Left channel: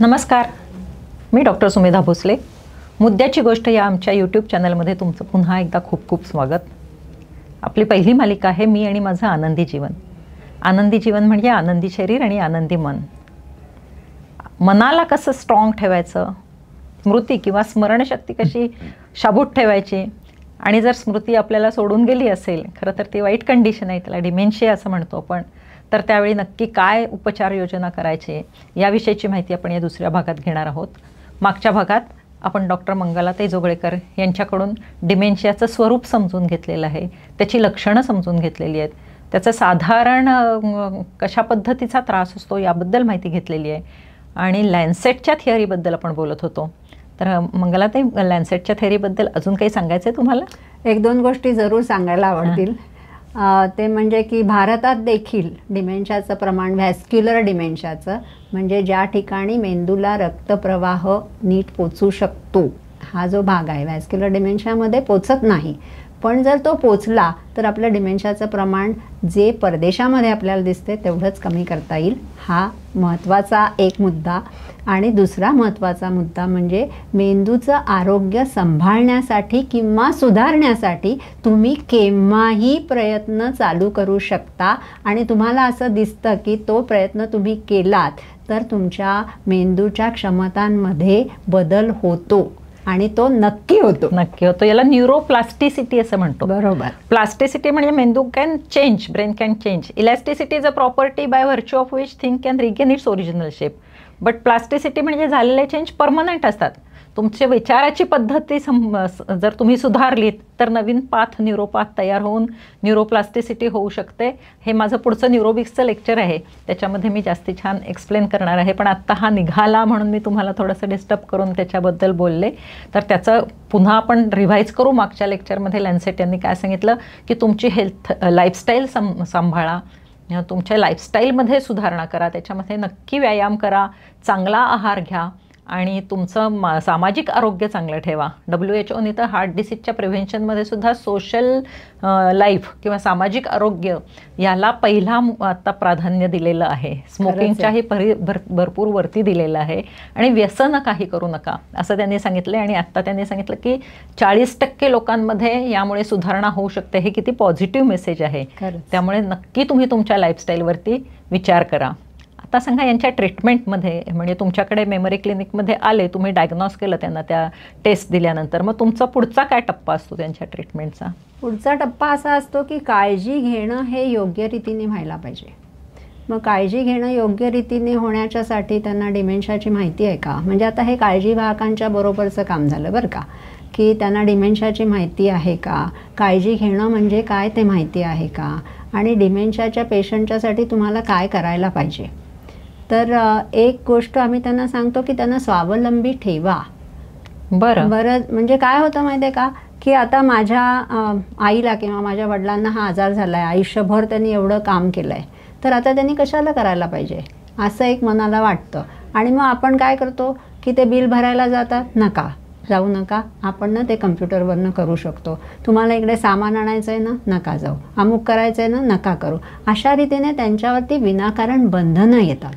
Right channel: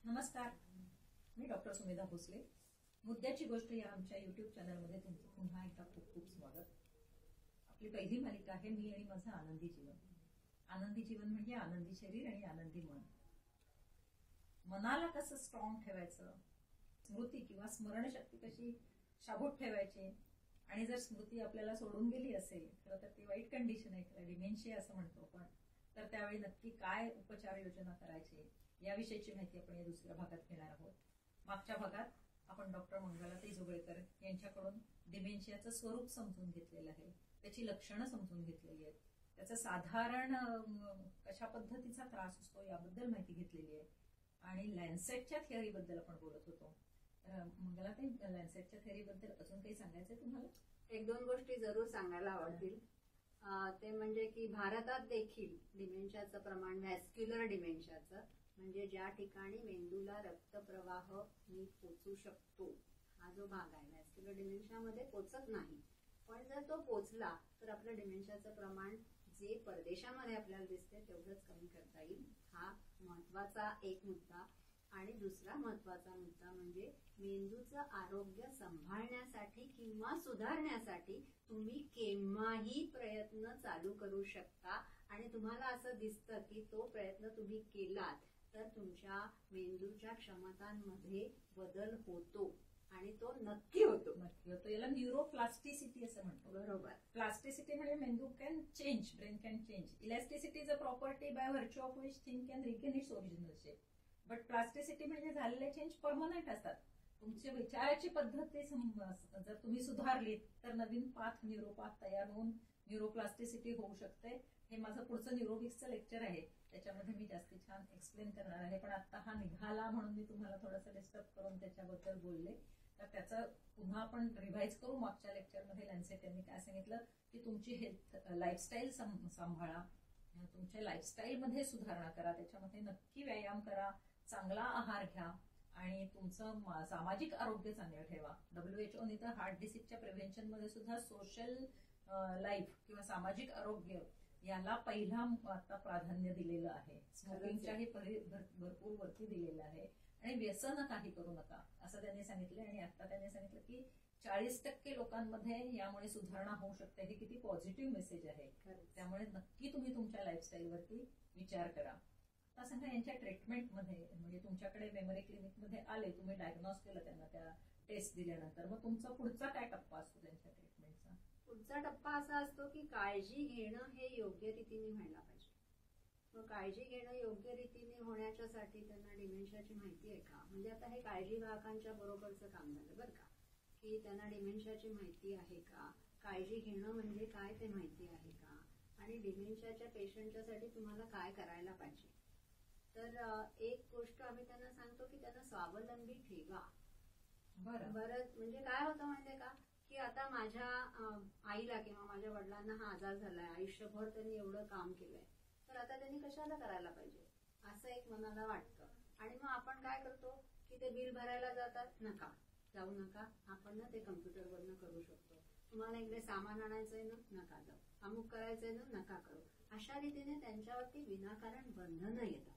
नमस्कार, मी डॉक्टर सुमेधा भोसले. मुद्द्याची गोष्ट या आमच्या यूट्यूब चॅनलमध्ये तुमचं पुन्हा एकदा खूप खूप स्वागत. आपली पहिली मालिका आहे मी आणि माझं आनंदी जीवन. आनंदी जीवन म्हणजे आनंदी शरीर आणि आनंदी मन. मनाला कसं स्ट्रॉंग ठेवायचं, स्मृती किंवा स्मरणशक्ती कशी शाबूत ठेवायची, आणि जर स्मृती आपल्याला सोडून गेली असेल, खरं तर ती वाईट कंडिशन आहे, त्याला डिमेन्शिया असं म्हणतो आपण, तर त्यावेळी नक्की काय उपचार योजना करायचे याविषयीची माहिती आपण या दुसऱ्या भागात घेणार आहोत. मागच्या भागात आपण डॉक्टर मंगलाताई जोगळेकर यांच्याकडून डिमेन्शियाचं स्वरूप समजून घेतलेलं आहे, त्याची लक्षणं समजून घेतलेली आहेत, त्याचं साधारण कशा पद्धतीचा त्रास असतो याबद्दल माहिती घेतलेली आहे, आणि लॅन्सेटच्या थिअरीबद्दल आपण बोलत होतो. तर मंगलाताई, लॅन्सेटच्या थिअरीबद्दल अजून काही सांगायचं आहे तुम्हाला? एक दोन गोष्टी जरूर सांगायला आवडतील. ते म्हणजे की भारतात देखील डिमेन्शियाचं प्रमाण, व्हॅस्क्युलर डिमेन्शियाचं म्हणजे ज्या ठिकाणी मेंदूला रक्तप्रवाह नीट पोचू शकतो, हा जो भाग आहे, व्हॅस्क्युलर डिमेन्शियामध्ये पोचत नाही. पण जर तो पोचला तर आपलं डिमेन्शियाचं प्रमाण जे परदेशामध्ये आपल्याला दिसते तेवढंच कमी करता येईल. हा महत्त्वाचा एक मुद्दा. आणि दुसरा महत्त्वाचा मुद्दा म्हणजे मेंदूचं आरोग्य सांभाळण्यासाठी किंवा सुधारण्यासाठी तुम्ही केव्हाही प्रयत्न चालू करू शकता, आणि तुम्हाला असं दिसतं की तो प्रयत्न तुम्ही केलात तर तुमच्या मेंदूच्या क्षमतांमध्ये बदल होतो, आणि तो नक्की होतो. याला न्यूरोप्लास्टिसिटी असं म्हणतो. बरोबर. प्लास्टिसिटी म्हणजे मेंदू can change, brain can change. Elasticity is a property bye virtue of which thing can regain its original shape. But plasticity म्हणजे झालेले चेंज परमनंट असतात. तुमच्या विचाराची पद्धती जर तुम्ही सुधारलीत तर नवीन पाथ, न्यूरोपाथ तयार होऊन न्यूरोप्लास्टिसिटी होऊ शकते. हे माझं पुढचं न्यूरोबिक्सचं लेक्चर आहे, त्याच्यामध्ये मी जास्ती छान एक्सप्लेन करणार आहे. पण आत्ता हा निघाला म्हणून मी तुम्हाला थोडंसं डिस्टर्ब करून त्याच्याबद्दल बोलले. तर त्याचं पुन्हा आपण रिव्हाइज करू. मागच्या लेक्चरमध्ये लॅन्सेट यांनी काय सांगितलं की तुमची हेल्थ लाईफस्टाईल सांभाळा, तुमच्या लाईफस्टाईलमध्ये सुधारणा करा, त्याच्यामध्ये नक्की व्यायाम करा, चांगला आहार घ्या, आणि तुमचं सामाजिक आरोग्य चांगलं ठेवा. WHO तर हार्ट डिसीजच्या प्रिव्हेन्शनमध्ये सुद्धा सोशल लाईफ किंवा सामाजिक आरोग्य याला पहिला आता प्राधान्य दिलेलं आहे. स्मोकिंगच्याही भरपूर वरती दिलेलं आहे. आणि व्यसन काही करू नका असं त्यांनी सांगितलं. आणि आत्ता त्यांनी सांगितलं की 40% लोकांमध्ये यामुळे सुधारणा होऊ शकते. हे किती पॉझिटिव्ह मेसेज आहे. त्यामुळे नक्की तुम्ही तुमच्या लाईफस्टाईलवरती विचार करा. आता सांगा, यांच्या ट्रीटमेंटमध्ये म्हणजे तुमच्याकडे मेमरी क्लिनिकमध्ये आले, तुम्ही डायग्नॉस केलं त्यांना त्या टेस्ट दिल्यानंतर, मग तुमचा पुढचा काय टप्पा असतो त्यांच्या ट्रीटमेंटचा? पुढचा टप्पा असा असतो की काळजी घेणं हे योग्य रीतीने व्हायला पाहिजे. मग काळजी घेणं योग्य रीतीने होण्याच्यासाठी त्यांना डिमेन्शियाची माहिती आहे का? म्हणजे आता हे काळजी वाहकांच्या बरोबरचं काम झालं बरं का, की त्यांना डिमेन्शियाची माहिती आहे का, काळजी घेणं म्हणजे काय ते माहिती आहे का, आणि डिमेन्शियाच्या पेशंटच्यासाठी तुम्हाला काय करायला पाहिजे. तर एक गोष्ट आम्ही त्यांना सांगतो की त्यांना स्वावलंबी ठेवा. बरं. म्हणजे काय होतं माहिती आहे का, की आता माझ्या आईला किंवा माझ्या वडिलांना हा आजार झाला आहे, आयुष्यभर त्यांनी एवढं काम केलं आहे, तर आता त्यांनी कशाला करायला पाहिजे असं एक मनाला वाटतं. आणि मग आपण काय करतो की ते बिल भरायला जातात, नका जाऊ नका, आपण ना ते कम्प्युटरवरनं करू शकतो. तुम्हाला इकडे सामान आणायचं आहे ना, नका जाऊ. अमुक करायचं आहे ना, नका करू. अशा रीतीने त्यांच्यावरती विनाकारण बंधनं येतात.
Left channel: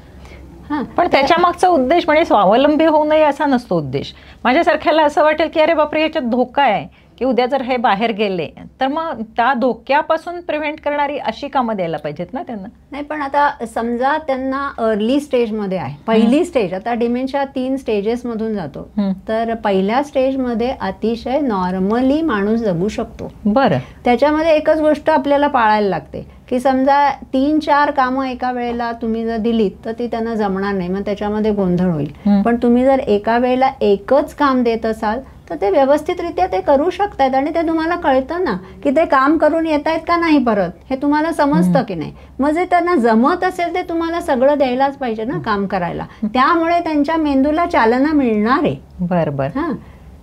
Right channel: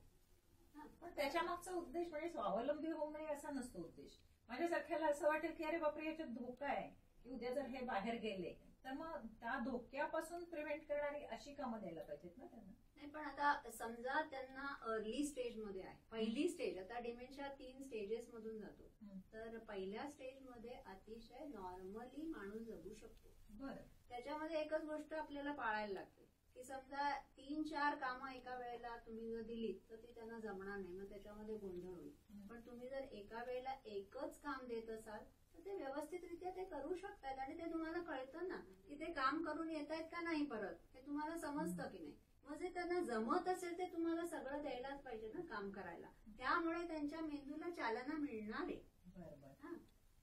पण त्याच्या मागचा उद्देश म्हणजे स्वावलंबी होऊ नये असा नसतो उद्देश. माझ्यासारख्याला असं वाटेल की अरे बापरे, याच्यात धोका आहे की उद्या जर हे बाहेर गेले तर मग त्या धोक्यापासून प्रिव्हेंट करणारी अशी कामं द्यायला पाहिजेत ना त्यांना. नाही, पण आता समजा त्यांना अर्ली स्टेजमध्ये आहे, पहिली स्टेज. आता डिमेन्शिया 3 स्टेजेसमधून जातो. तर पहिल्या स्टेजमध्ये अतिशय नॉर्मली माणूस जगू शकतो. बरं. त्याच्यामध्ये एकच गोष्ट आपल्याला पाळायला लागते की समजा 3-4 कामं एका वेळेला तुम्ही जर दिलीत तर ती त्यांना जमणार नाही, मग त्याच्यामध्ये गोंधळ होईल. पण तुम्ही जर एका वेळेला एकच काम देत असाल तर ते व्यवस्थितरित्या ते करू शकतात, आणि ते तुम्हाला कळतं ना की ते काम करून येत आहेत का नाही परत, हे तुम्हाला समजतं की नाही. मग जे त्यांना जमत असेल ते तुम्हाला सगळं द्यायलाच पाहिजे ना काम करायला. त्यामुळे त्यांच्या मेंदूला चालना मिळणार आहे. बरोबर. हां,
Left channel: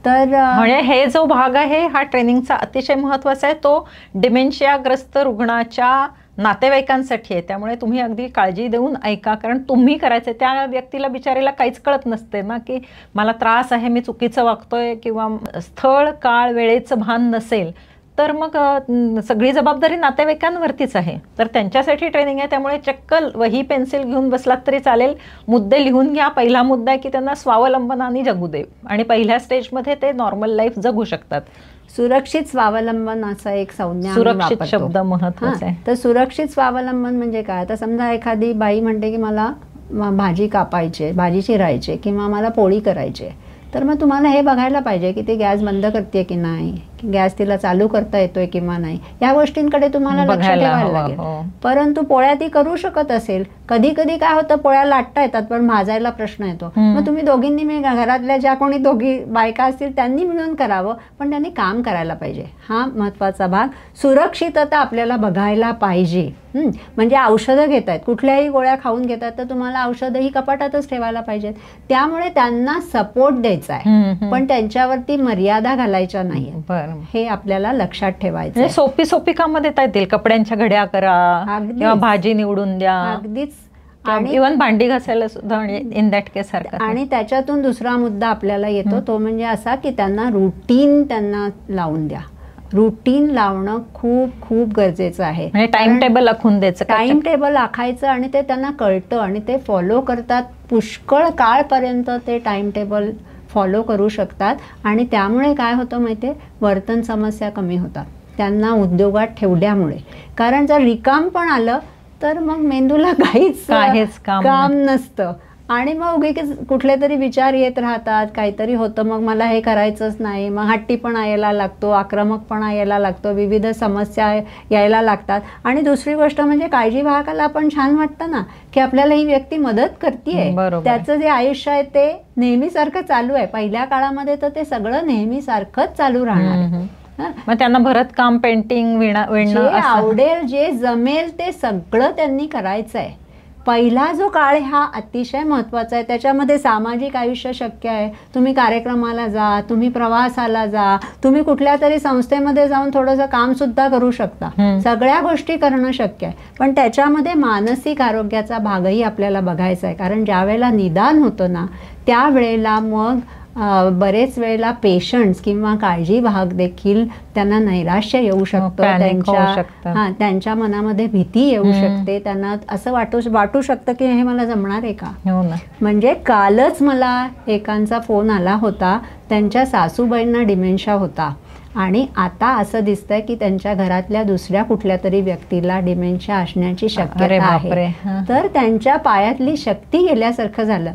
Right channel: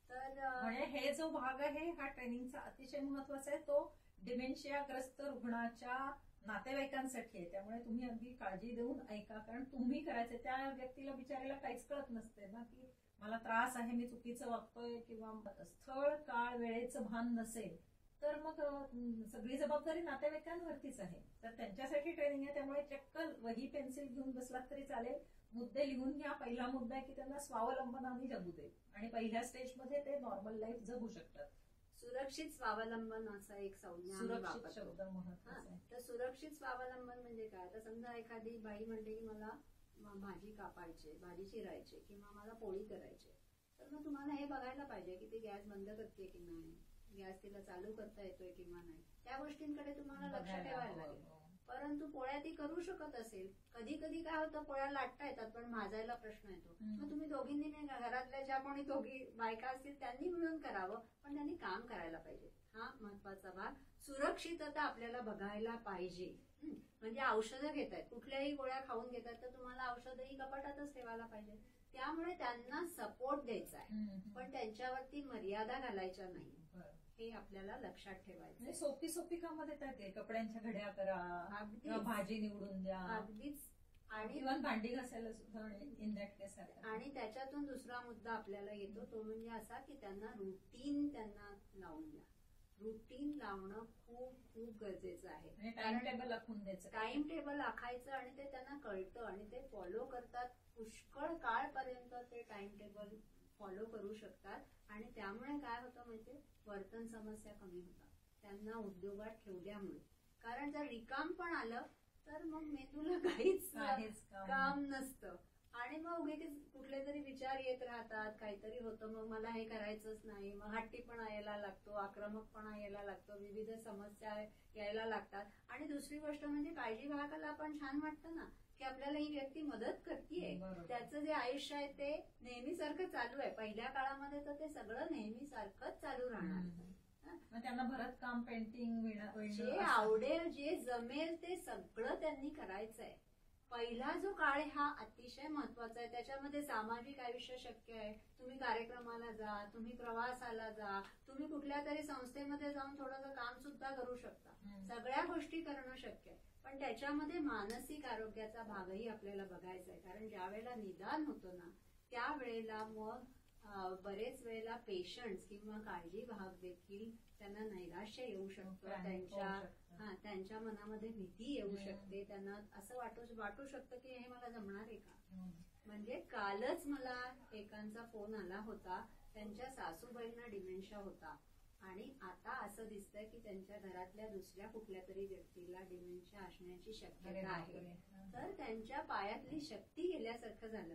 तर म्हणजे हे जो भाग आहे हा ट्रेनिंगचा अतिशय महत्त्वाचा आहे. तो डिमेन्शियाग्रस्त रुग्णाच्या नातेवाईकांसाठी आहे. त्यामुळे तुम्ही अगदी काळजी देऊन ऐका, कारण तुम्ही करायचं. त्या व्यक्तीला बिचारीला काहीच कळत नसते ना की मला त्रास आहे, मी चुकीचं वागतोय, किंवा स्थळ काळ वेळेचं भान नसेल तर मग सगळी जबाबदारी नातेवाईकांवरतीच आहे. तर त्यांच्यासाठी ट्रेनिंग आहे. त्यामुळे चक्क वही पेन्सिल घेऊन बसलात तरी चालेल, मुद्दे लिहून घ्या. पहिला मुद्दा आहे की त्यांना स्वावलंबनाने जगू दे आणि पहिल्या स्टेजमध्ये ते नॉर्मल लाईफ जगू शकतात. सुरक्षित स्वावलंबन असा एक संज्ञा सुरक्षित शब्द महत्वाचा आहे. तर सुरक्षित स्वावलंबन म्हणजे काय? आता समजा एखादी बाई म्हणते की मला भाजी कापायची, भाजी चिरायची किंवा मला पोळी करायची, तर मग तुम्हाला हे बघायला पाहिजे की ती गॅस बंद करते की नाही, गॅस तिला चालू करता येतोय किंवा नाही, या गोष्टींकडे तुम्हाला लक्ष ठेवायला लागेल. परंतु पोळ्या ती करू शकत असेल, कधी कधी काय होतं पोळ्या लाटता येतात पण भाजायला प्रश्न येतो, मग तुम्ही दोघींनी घरातल्या ज्या कोणी दोघी बायका असतील त्यांनी मिळून करावं, पण त्यांनी काम करायला पाहिजे. हा महत्वाचा भाग. सुरक्षितता आपल्याला बघायला पाहिजे. म्हणजे औषधं घेत आहेत, कुठल्याही गोळ्या खाऊन घेतात तर तुम्हाला औषधंही कपाटातच ठेवायला पाहिजेत. त्यामुळे त्यांना सपोर्ट द्यायचा आहे पण त्यांच्यावरती मर्यादा घालायच्या नाही, हे आपल्याला लक्षात ठेवायचं. सोपी सोपी कामं देता येतील, कपड्यांच्या घड्या करा किंवा भाजी निवडून द्या, अगदीच, आणि इव्हन भांडी घासायला सुद्धा इन दॅट केस सारखं. आणि त्याच्यातून दुसरा मुद्दा आपल्याला येतो तो म्हणजे असा की त्यांना रुटीन त्यांना लावून द्या. रुटीन लावणं खूप खूप गरजेचं आहे. टाइम टेबल आखून द्यायचं, टाइम टेबल आखायचं आणि ते त्यांना कळतं आणि ते फॉलो करतात. पुष्कळ काळपर्यंत ते टाइम टेबल फॉलो करू शकतात आणि त्यामुळे काय होतं माहिती आहे, वर्तन समस्या कमी होतात त्यांना उद्योगात ठेवल्यामुळे. कारण जर रिकाम पण आलं तर मग मेंदूला काहीच काम नसतं आणि मग उगीच कुठले तरी विचार येत राहतात, काहीतरी होतं, मग मला हे करायचंच नाही, मग हट्टीपणा यायला लागतो, आक्रमकपणा यायला लागतो, विविध समस्या यायला लागतात. आणि दुसरी गोष्ट म्हणजे काळजी वाहकाला पण छान वाटतं ना की आपल्याला ही व्यक्ती मदत करते, त्याचं जे आयुष्य आहे ते नेहमीसारखं चालू आहे. पहिल्या काळामध्ये तर ते सगळं नेहमीसारखंच चालू राहणार. मग त्यांना भरत काम, पेंटिंग, विणणं, जे आवडेल जे जमेल ते सगळं त्यांनी करायचं आहे. पहिला जो काळ हा अतिशय महत्त्वाचा आहे. त्याच्यामध्ये सामाजिक आयुष्य शक्य आहे. तुम्ही कार्यक्रमाला जा, तुम्ही प्रवासाला जा, तुम्ही कुठल्या तरी संस्थेमध्ये जाऊन थोडंसं कामसुद्धा करू शकता. सगळ्या गोष्टी करणं शक्य आहे. पण त्याच्यामध्ये मानसिक आरोग्याचा भागही आपल्याला बघायचा आहे. कारण ज्या वेळेला निदान होतं ना त्यावेळेला मग बरेच वेळेला पेशंट्स किंवा काळजीवाहक देखील त्यांना नैराश्य येऊ शकतं, त्यांच्या मनामध्ये भीती येऊ शकते, त्यांना असं वाटू शकतं की हे मला जमणार आहे का. म्हणजे कालच मला एकांचा फोन आला होता, त्यांच्या सासूबाईंना डिमेन्शिया होता आणि आता असं दिसतंय की त्यांच्या घरातल्या दुसऱ्या कुठल्या तरी व्यक्तीला डिमेन्शिया असण्याची शक्यता आहे. तर त्यांच्या पायातली शक्ती गेल्यासारखं झालं.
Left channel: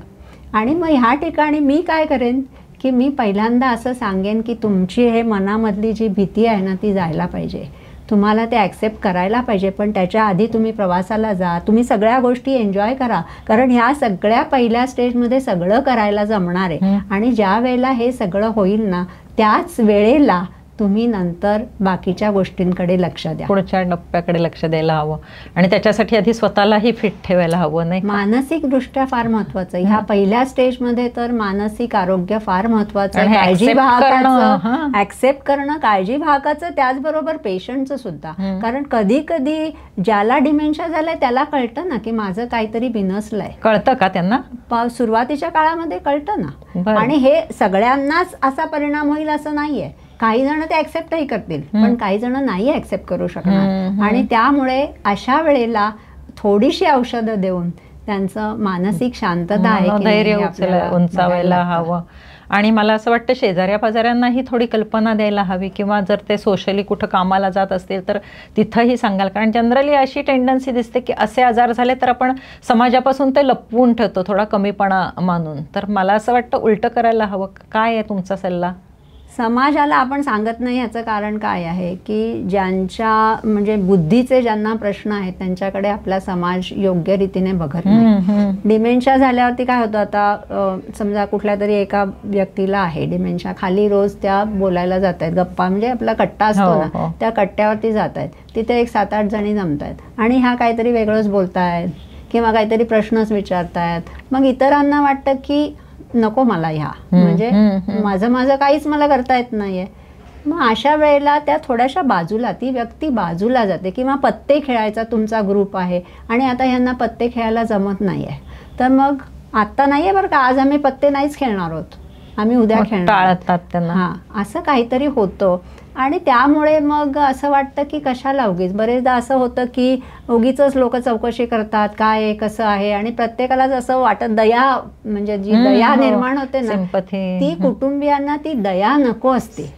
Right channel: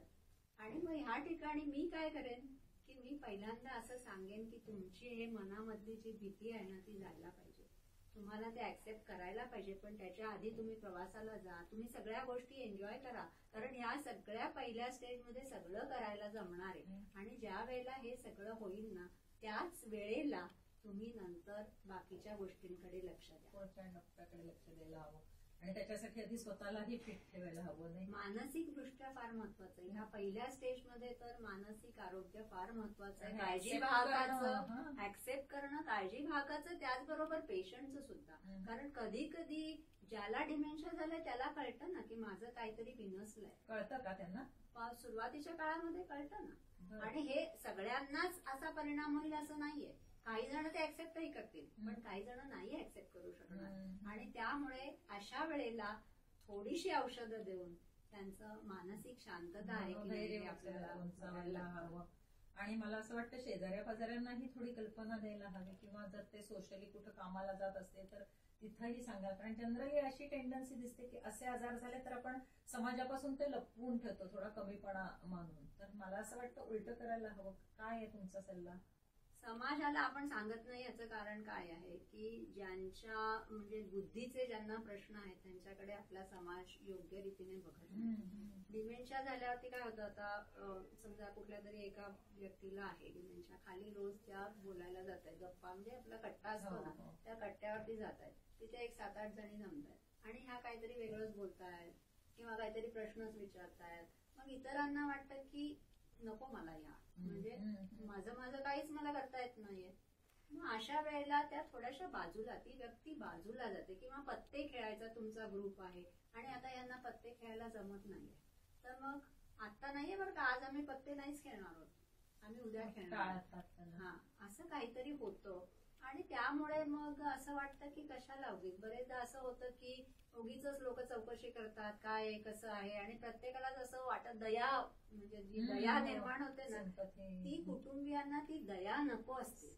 आणि मग ह्या ठिकाणी मी काय करेन की मी पहिल्यांदा असं सांगेन की तुमची हे मनामधली जी भीती आहे ना ती जायला पाहिजे, तुम्हाला ते ॲक्सेप्ट करायला पाहिजे. पण त्याच्या आधी तुम्ही प्रवासाला जा, तुम्ही सगळ्या गोष्टी एन्जॉय करा, कारण ह्या सगळ्या पहिल्या स्टेजमध्ये सगळं करायला जमणार आहे. आणि ज्या वेळेला हे सगळं होईल ना त्याच वेळेला तुम्ही नंतर बाकीच्या गोष्टींकडे लक्ष द्या, पुढच्या टप्प्याकडे लक्ष द्यायला हवं. आणि त्याच्यासाठी आधी स्वतःलाही फिट ठेवायला हवं, नाही. मानसिक दृष्ट्या फार महत्वाचं आहे. ह्या पहिल्या स्टेजमध्ये तर मानसिक आरोग्य फार महत्वाचं आहे. काळजी वाहकाचं ऍक्सेप्ट करणं, काळजी वाहकाचं, त्याचबरोबर पेशंटचं सुद्धा. कारण कधी कधी ज्याला डिमेन्शिया झालाय त्याला कळतं ना की माझं काहीतरी बिनसलंय. कळतं का त्यांना? सुरुवातीच्या काळामध्ये कळतं ना. आणि हे सगळ्यांनाच असा परिणाम होईल असं नाहीये. काही जण ते ऍक्सेप्टही करतील पण काही जण नाही ऍक्सेप्ट करू शकणार. आणि त्यामुळे अशा वेळेला थोडीशी औषधं देऊन त्यांचं मानसिक शांतता आहे, धैर्य उंचावायला हवं. आणि मला असं वाटतं शेजाऱ्या पाजाऱ्यांनाही थोडी कल्पना द्यायला हवी, किंवा जर ते सोशली कुठं कामाला जात असतील तर तिथंही सांगाल. कारण जनरली अशी टेंडन्सी दिसते की असे आजार झाले तर आपण समाजापासून ते लपवून ठेवतो, थोडा कमीपणा मानून. तर मला असं वाटतं उलटं करायला हवं. काय आहे तुमचा सल्ला? समाजाला आपण सांगत नाही याचं कारण काय आहे की ज्यांच्या म्हणजे बुद्धीचे ज्यांना प्रश्न आहेत त्यांच्याकडे आपला समाज योग्य रीतीने बघत नाही. डिमेन्शिया झाल्यावरती काय होतं, आता समजा कुठल्या तरी एका व्यक्तीला आहे डिमेन्शिया, खाली रोज त्या बोलायला जात आहेत, गप्पा म्हणजे आपला कट्टा असतो ना त्या कट्ट्यावरती जात आहेत, तिथे एक 7-8 जणी जमतायत आणि ह्या काहीतरी वेगळंच बोलतायत किंवा काहीतरी प्रश्नच विचारतायत. मग इतरांना वाटतं की नको मला ह्या, म्हणजे माझं काहीच मला करता येत नाहीये. मग अशा वेळेला त्या थोड्याशा बाजूला, ती व्यक्ती बाजूला जाते. किंवा पत्ते खेळायचा तुमचा ग्रुप आहे आणि आता ह्यांना पत्ते खेळायला जमत नाहीये, तर मग आता नाहीये बरं का, आज आम्ही पत्ते नाहीच खेळणार आहोत, आम्ही उद्या खेळणार. टाळतात त्यांना. हां, असं काहीतरी होतं. आणि त्यामुळे मग असं वाटतं की कशाला उगीच. बरेचदा असं होतं की उगीचच लोक चौकशी करतात काय आहे कसं आहे, आणि प्रत्येकालाच असं वाटत दया, म्हणजे जी दया निर्माण होते ना ती कुटुंबियांना ती दया नको असते.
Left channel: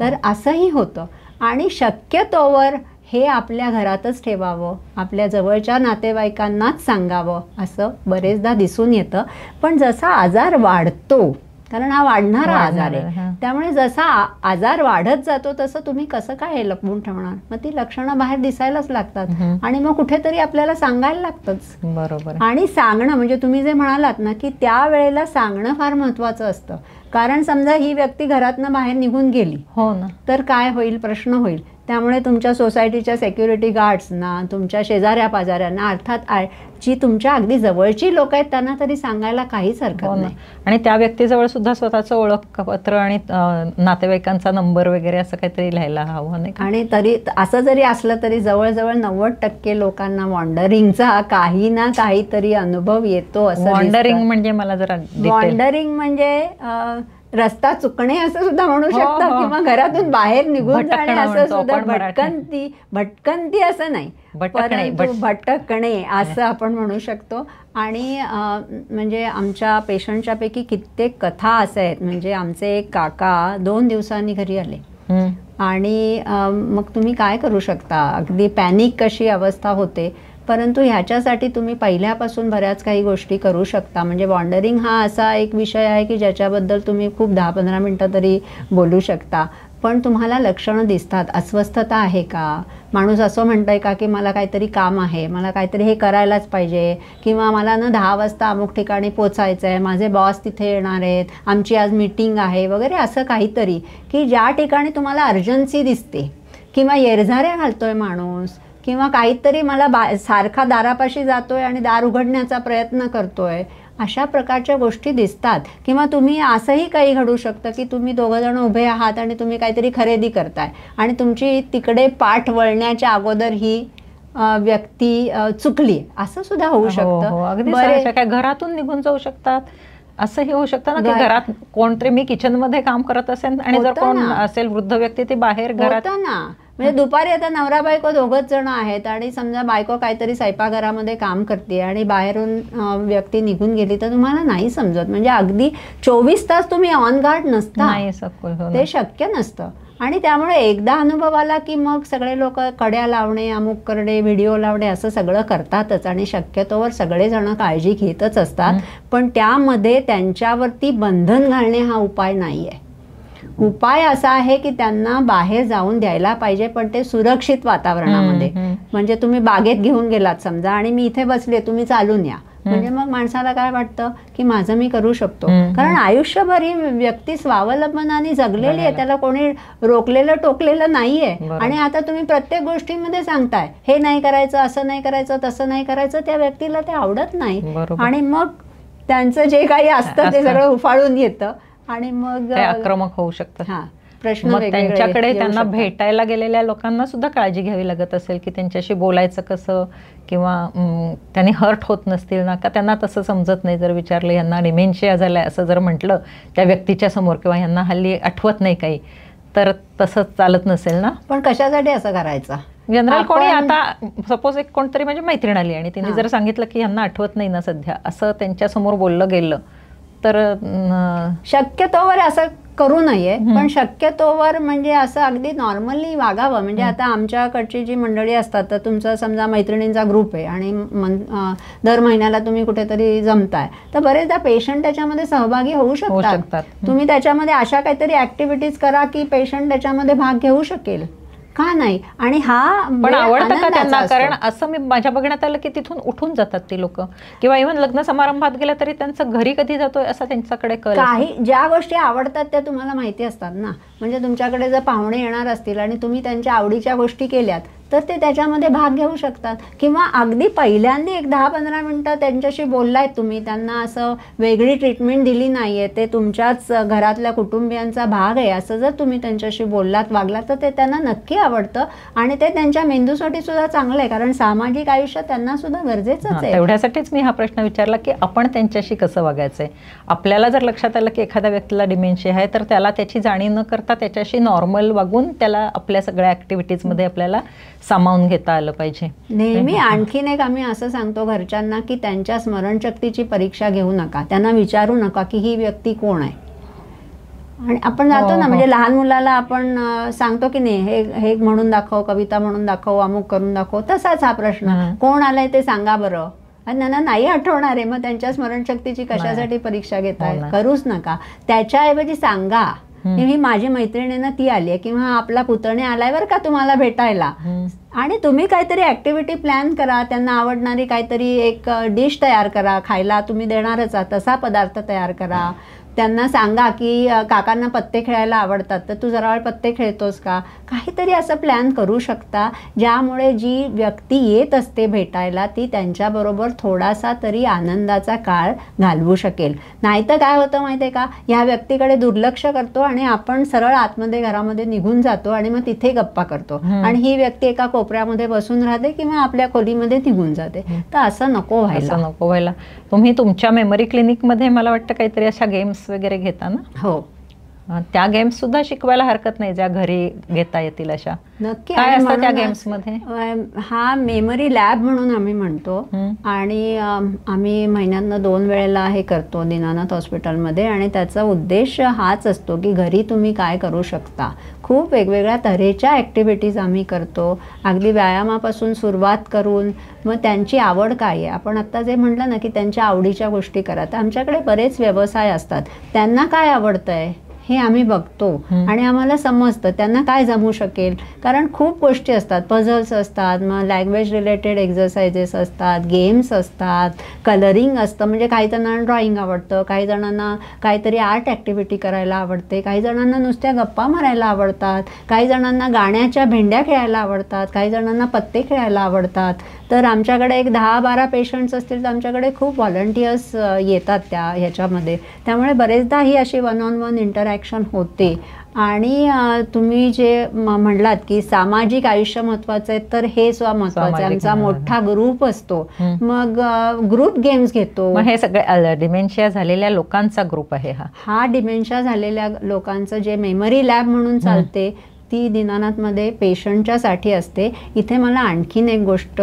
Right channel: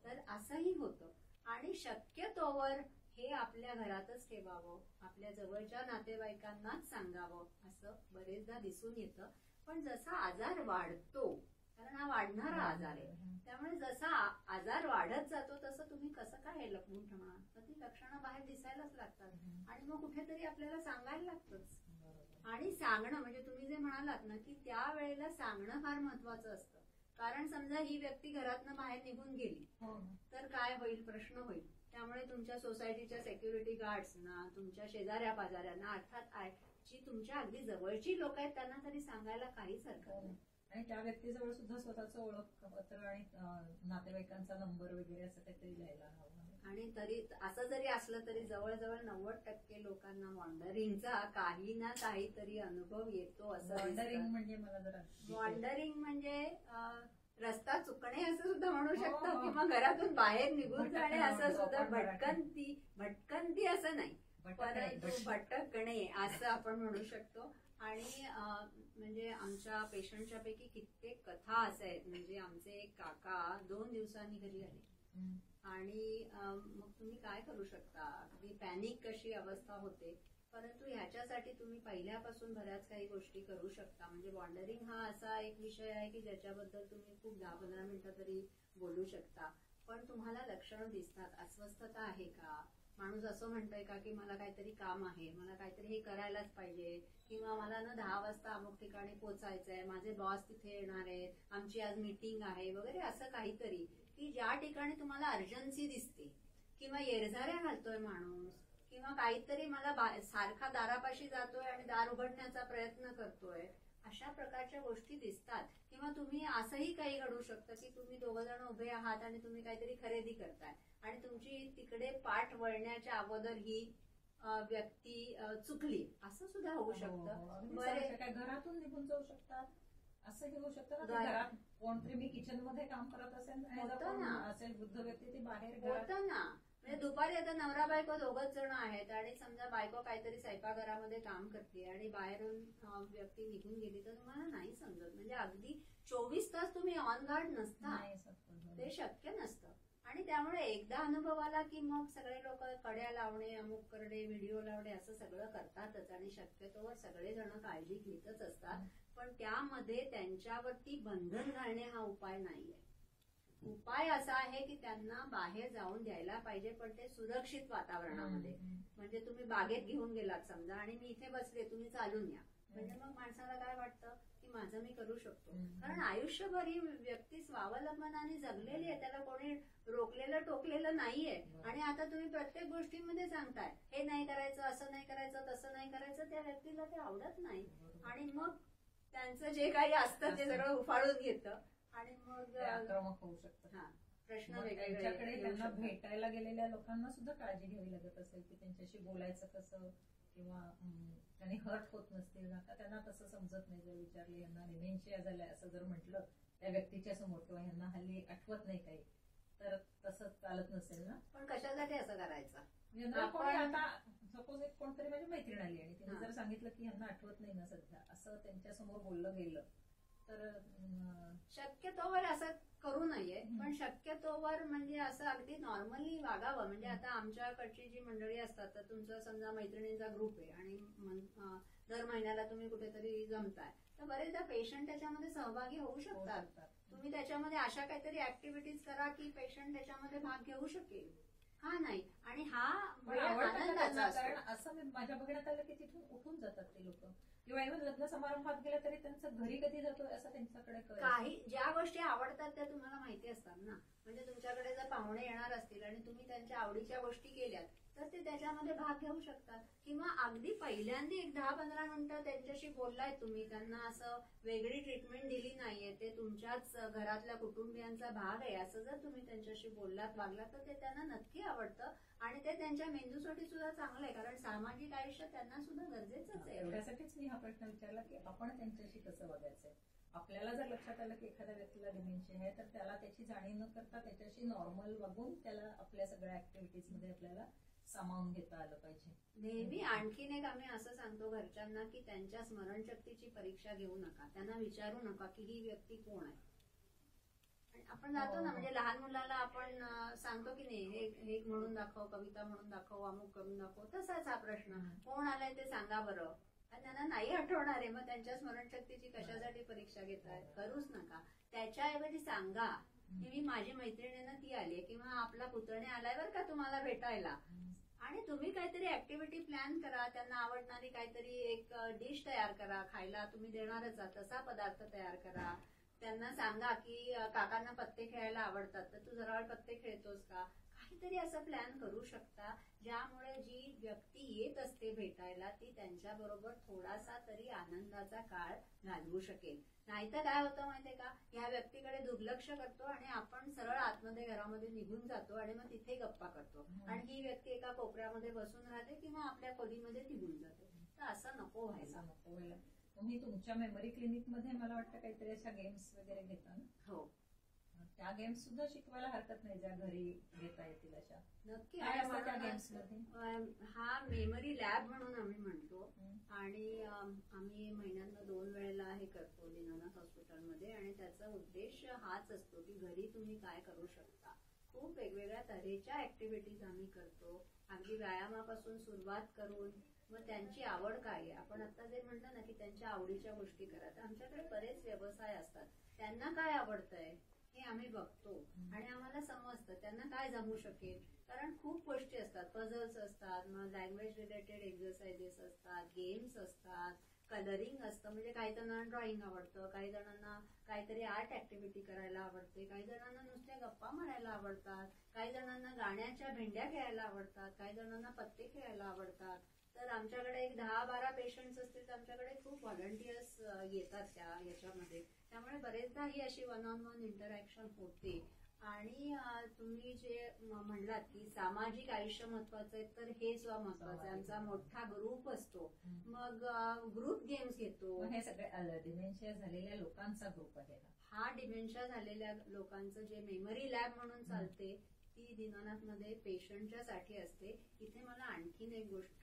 तर असंही होतं. आणि शक्यतोवर हे आपल्या घरातच ठेवावं, आपल्या जवळच्या नातेवाईकांनाच सांगावं, असं बरेचदा दिसून येतं. पण जसा आजार वाढतो, कारण हा वाढणारा आजार आहे, त्यामुळे जसा आजार वाढत जातो तसं तुम्ही कसं काय हे लपवून ठेवणार. मग ती लक्षणं बाहेर दिसायलाच लागतात आणि मग कुठेतरी आपल्याला सांगायला लागतंच. बरोबर. आणि सांगणं म्हणजे तुम्ही जे म्हणालात ना की त्यावेळेला सांगणं फार महत्त्वाचं असतं. कारण समजा ही व्यक्ती घरातनं बाहेर निघून गेली, हो ना, तर काय होईल, प्रश्न होईल. त्यामुळे तुमच्या सोसायटीच्या सेक्युरिटी गार्ड्सना, तुमच्या शेजाऱ्या पाजाऱ्यांना, अर्थात जी तुमच्या अगदी जवळची लोक आहेत त्यांना तरी सांगायला काहीच हरकत नाही. आणि त्या व्यक्तीजवळ सुद्धा स्वतःचं ओळखपत्र आणि नातेवाईकांचा नंबर वगैरे असं काहीतरी लिहायला हवं नाही. आणि तरी असं जरी असलं तरी जवळजवळ 90% लोकांना वॉन्डरिंगचा काही ना काहीतरी अनुभव येतो. असं वॉन्डरिंग म्हणजे मला जरा वॉन्डरिंग म्हणजे रस्ता चुकणे असं सुद्धा म्हणू शकता, किंवा घरातून बाहेर निघून जाणे असं सुद्धा. भटकंती असं नाही, परंतु भटकणे असं आपण म्हणू शकतो. आणि म्हणजे आमच्या पेशंटच्या पैकी कित्येक कथा असे आहेत. म्हणजे आमचे एक काका 2 दिवसांनी घरी आले आणि मग तुम्ही काय करू शकता, अगदी पॅनिक कशी अवस्था होते. परंतु ह्याच्यासाठी तुम्ही पहिल्यापासून बऱ्याच काही गोष्टी करू शकता. म्हणजे वॉन्डरिंग हा असा एक विषय आहे की ज्याच्याबद्दल तुम्ही खूप 10-15 मिनटं तरी बोलू शकता. पण तुम्हाला लक्षणं दिसतात, अस्वस्थता आहे का, माणूस असं म्हणतंय का की मला काहीतरी काम आहे, मला काहीतरी हे करायलाच पाहिजे, किंवा मला ना 10 वाजता अमुक ठिकाणी पोचायचं आहे, माझे बॉस तिथे येणार आहेत, आमची आज मीटिंग आहे वगैरे, असं काहीतरी की ज्या ठिकाणी तुम्हाला अर्जन्सी दिसते, किंवा येरझाऱ्या घालतोय माणूस, किंवा काहीतरी मला सारखा दारापाशी जातोय आणि दार उघडण्याचा प्रयत्न करतोय, अशा प्रकारच्या गोष्टी दिसतात. किंवा तुम्ही असंही काही घडू शकतं की तुम्ही 2 जण उभे आहात आणि तुम्ही काहीतरी खरेदी करताय आणि तुमची तिकडे पाठ वळण्याच्या अगोदर ही व्यक्ती चुकली, असं सुद्धा होऊ शकतं. काय घरातून निघून जाऊ शकतात, असंही होऊ शकतं ना की घरात कोणतरी, मी किचन मध्ये काम करत असेल आणि जर कोण असेल वृद्ध व्यक्ती ती बाहेर घरात ना, म्हणजे दुपारी आता नवरा बायको 2च जण आहेत आणि समजा बायको काहीतरी स्वयंपाकघरामध्ये काम करते आणि बाहेरून व्यक्ती निघून गेली तर तुम्हाला नाही समजत. म्हणजे अगदी 24 तास तुम्ही ऑन गार्ड नसता, ते शक्य नसतं. आणि त्यामुळे एकदा अनुभव आला की मग सगळे लोक कड्या लावणे, अमुक करणे, व्हिडिओ लावणे असं सगळं करतातच आणि शक्यतोवर सगळेजण काळजी घेतच असतात. पण त्यामध्ये त्यांच्यावरती बंधन घालणे हा उपाय नाही आहे. उपाय असा आहे की त्यांना बाहेर जाऊन द्यायला पाहिजे, पण ते सुरक्षित वातावरणामध्ये. म्हणजे तुम्ही बागेत घेऊन गेलात समजा आणि मी इथे बसले, तुम्ही चालून या, म्हणजे मग माणसाला काय वाटतं की माझं मी करू शकतो. कारण आयुष्यभर ही व्यक्ती स्वावलंबनाने जगलेली आहे, त्याला कोणी रोखलेलं टोकलेलं नाहीये. आणि आता तुम्ही प्रत्येक गोष्टींमध्ये सांगताय हे नाही करायचं, असं नाही करायचं, तसं नाही करायचं, त्या व्यक्तीला ते आवडत नाही आणि मग त्यांचं जे काही असतं ते सगळं उफाळून येतं आणि मग आक्रमक होऊ शकतं. प्रश्न त्यांच्याकडे त्यांना भेटायला गेलेल्या लोकांना सुद्धा काळजी घ्यावी लागत असेल की त्यांच्याशी बोलायचं कसं, किंवा त्यांनी हर्ट होत नसतील ना, का त्यांना तसं समजत नाही. जर विचारलं यांना डिमेन्शिया झालाय असं जर म्हटलं त्या व्यक्तीच्या समोर, किंवा यांना हल्ली आठवत नाही काही, तर तसं चालत नसेल ना. पण कशासाठी असं करायचं. जनरल कोणी आता सपोज एक कोणतरी म्हणजे मैत्रीण आली आणि तिने जर सांगितलं की यांना आठवत नाही ना सध्या, असं त्यांच्या समोर बोललं गेलं तर शक्यतोवर असं करू नये. पण शक्यतोवर म्हणजे असं अगदी नॉर्मली वागावं. म्हणजे आता आमच्याकडची जी मंडळी असतात, तर तुमचा समजा मैत्रिणींचा ग्रुप आहे आणि दर महिन्याला तुम्ही कुठेतरी जमताय, तर बरेचदा पेशंट त्याच्यामध्ये सहभागी होऊ शकतात. तुम्ही त्याच्यामध्ये अशा काहीतरी ऍक्टिव्हिटीज करा की पेशंट त्याच्यामध्ये भाग घेऊ शकेल, का नाही. आणि हा पण आवडतं का त्यांना, कारण असं मी माझ्या बघण्यात आलं की तिथून उठून जातात ती लोक, किंवा इव्हन लग्न समारंभात गेलं तरी त्यांचं घरी कधी जातोय असं त्यांच्याकडे कळ. काही ज्या गोष्टी आवडतात त्या तुम्हाला माहिती असतात ना. म्हणजे तुमच्याकडे जर पाहुणे येणार असतील आणि तुम्ही त्यांच्या आवडीच्या गोष्टी केल्यात तर ते त्याच्यामध्ये भाग घेऊ शकतात. किंवा अगदी पहिल्यांदा एक 10-15 मिनटं त्यांच्याशी बोललायत तुम्ही, त्यांना असं वेगळी ट्रीटमेंट दिली नाही आहे, ते तुमच्याच घरातल्या कुटुंबियांचा भाग आहे असं जर तुम्ही त्यांच्याशी बोललात वागलात तर ते त्यांना नक्की आवडतं आणि ते त्यांच्या मेंदूसाठी सुद्धा चांगलं आहे, कारण सामाजिक आयुष्य त्यांना सुद्धा गरजेचंच आहे. तेवढ्यासाठीच मी हा प्रश्न विचारला की आपण त्यांच्याशी कसं वागायचंय. आपल्याला जर लक्षात आलं की एखाद्या व्यक्तीला डिमेन्शिया आहे तर त्याला त्याची जाणीव न करता त्याच्याशी नॉर्मल वागून त्याला आपल्या सगळ्या ॲक्टिव्हिटीजमध्ये आपल्याला सामावून घेता आलं पाहिजे. नेहमी आणखीन एक आम्ही असं सांगतो घरच्यांना की त्यांच्या स्मरणशक्तीची परीक्षा घेऊ नका, त्यांना विचारू नका की ही व्यक्ती कोण आहे. आणि आपण जातो ना, म्हणजे लहान मुलाला आपण सांगतो की नाही हे म्हणून दाखव, कविता म्हणून दाखव, अमुक करून दाखव, तसाच हा प्रश्न, कोण आलाय ते सांगा बरं. आणि त्यांना नाही आठवणार आहे, मग त्यांच्या स्मरणशक्तीची कशासाठी परीक्षा घेताय, करूच नका. त्याच्याऐवजी सांगा ही माझी मैत्रिणीनं ती आली आहे किंवा आपला पुतणे आलाय बरं का तुम्हाला भेटायला, आणि तुम्ही काहीतरी ऍक्टिव्हिटी प्लॅन करा, त्यांना आवडणारी काहीतरी एक डिश तयार करा, खायला तुम्ही देणारच आहात तसा पदार्थ तयार करा. त्यांना सांगा की काकांना पत्ते खेळायला आवडतात तर तू जरा वेळ पत्ते खेळतोस का, काहीतरी असं प्लॅन करू शकता ज्यामुळे जी व्यक्ती येत असते भेटायला ती त्यांच्याबरोबर थोडासा तरी आनंदाचा काळ घालवू शकेल. नाहीतर काय होतं माहिती आहे का, ह्या व्यक्तीकडे दुर्लक्ष करतो आणि आपण सरळ आतमध्ये घरामध्ये निघून जातो आणि मग तिथे गप्पा करतो आणि ही व्यक्ती एका कोपऱ्यामध्ये बसून राहते किंवा आपल्या खोलीमध्ये निघून जाते. तर असं नको व्हायला. तुम्ही तुमच्या मेमरी क्लिनिकमध्ये मला वाटतं काहीतरी अशा गेम्स वगैरे घेता ना? हो, त्या गेम्स सुद्धा शिकवायला हरकत नाही ज्या घरी घेता येतील अशा. नक्की. काय असतं त्या गेम्स मध्ये? हा मेमरी लॅब म्हणून आम्ही म्हणतो आणि आम्ही महिन्यातनं 2 वेळेला हे करतो दीनानाथ हॉस्पिटलमध्ये, आणि त्याचा उद्देश हाच असतो की घरी तुम्ही काय करू शकता. खूप वेगवेगळ्या तऱ्हेच्या ॲक्टिव्हिटीज आम्ही करतो, अगदी व्यायामापासून सुरुवात करून मग त्यांची आवड काय आहे. आपण आत्ता जे म्हटलं ना की त्यांच्या आवडीच्या गोष्टी करा, तर आमच्याकडे बरेच व्यवसाय असतात, त्यांना काय आवडतंय हे आम्ही बघतो आणि आम्हाला समजतं त्यांना काय जमू शकेल. कारण खूप गोष्टी असतात, पझल्स असतात, मग लँग्वेज रिलेटेड एक्झरसाइजेस असतात, गेम्स असतात, कलरिंग असतं, म्हणजे काही जणांना ड्रॉइंग आवडतं, काही जणांना काहीतरी आर्ट ॲक्टिव्हिटी करायला आवडते, काही जणांना नुसत्या गप्पा मारायला आवडतात, काही जणांना गाण्याच्या भेंड्या खेळायला आवडतात, काही जणांना पत्ते खेळायला आवडतात. तर आमच्याकडे एक 10-12 पेशंट्स असतील तर आमच्याकडे खूप व्हॉलंटियर्स येतात ह्याच्यामध्ये. त्यामुळे बरेचदा ही अशी 1-on-1 इंटरॅक्शन होते. आणि तुम्ही जे म्हणलात की सामाजिक आयुष्य महत्वाचं आहे, तर हे सुद्धा महत्वाचं आहे. आमचा मोठा ग्रुप असतो, मग ग्रुप गेम्स घेतो. हे सगळे डिमेन्शिया झालेल्या लोकांचा ग्रुप आहे. हा डिमेन्शिया झालेल्या लोकांचं जे मेमरी लॅब म्हणून चालते ती दीनानाथमध्ये पेशंटच्यासाठी असते. इथे मला आणखीन एक गोष्ट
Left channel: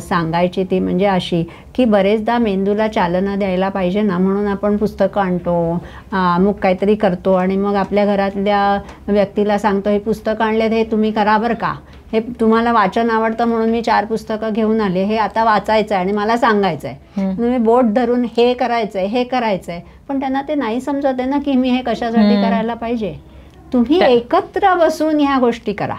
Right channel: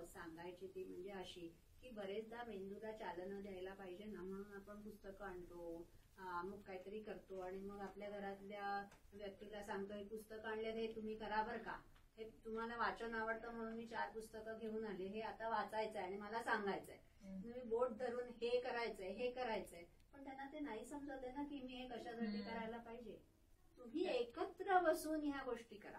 सांगायची, ती म्हणजे अशी की बरेचदा मेंदूला चालना द्यायला पाहिजे ना, म्हणून आपण पुस्तकं आणतो, मग काहीतरी करतो आणि मग आपल्या घरातल्या व्यक्तीला सांगतो हे पुस्तकं आणलेत, हे तुम्ही करा बरं का, हे तुम्हाला वाचन आवडतं म्हणून मी 4 पुस्तकं घेऊन आले, हे आता वाचायचं आहे आणि मला सांगायचं आहे. तुम्ही बोट धरून हे करायचं आहे, हे करायचं आहे, पण त्यांना ते नाही समजत आहे ना की मी हे कशासाठी करायला पाहिजे. तुम्ही एकत्र बसून ह्या गोष्टी करा,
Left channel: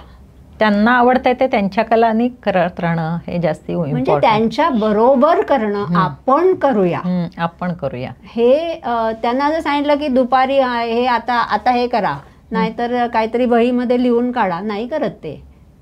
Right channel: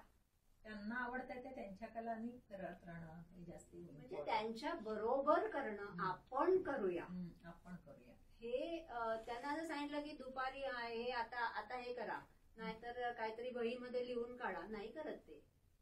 त्यांना आवडतंय ते त्यांच्या कलानी करत राहणं हे जास्ती म्हणजे त्यांच्या बरोबर करणं. आपण करूया हे त्यांना जर सांगितलं की दुपारी हे आता हे करा, नाहीतर काहीतरी वहीमध्ये लिहून काढा, नाही करत ते.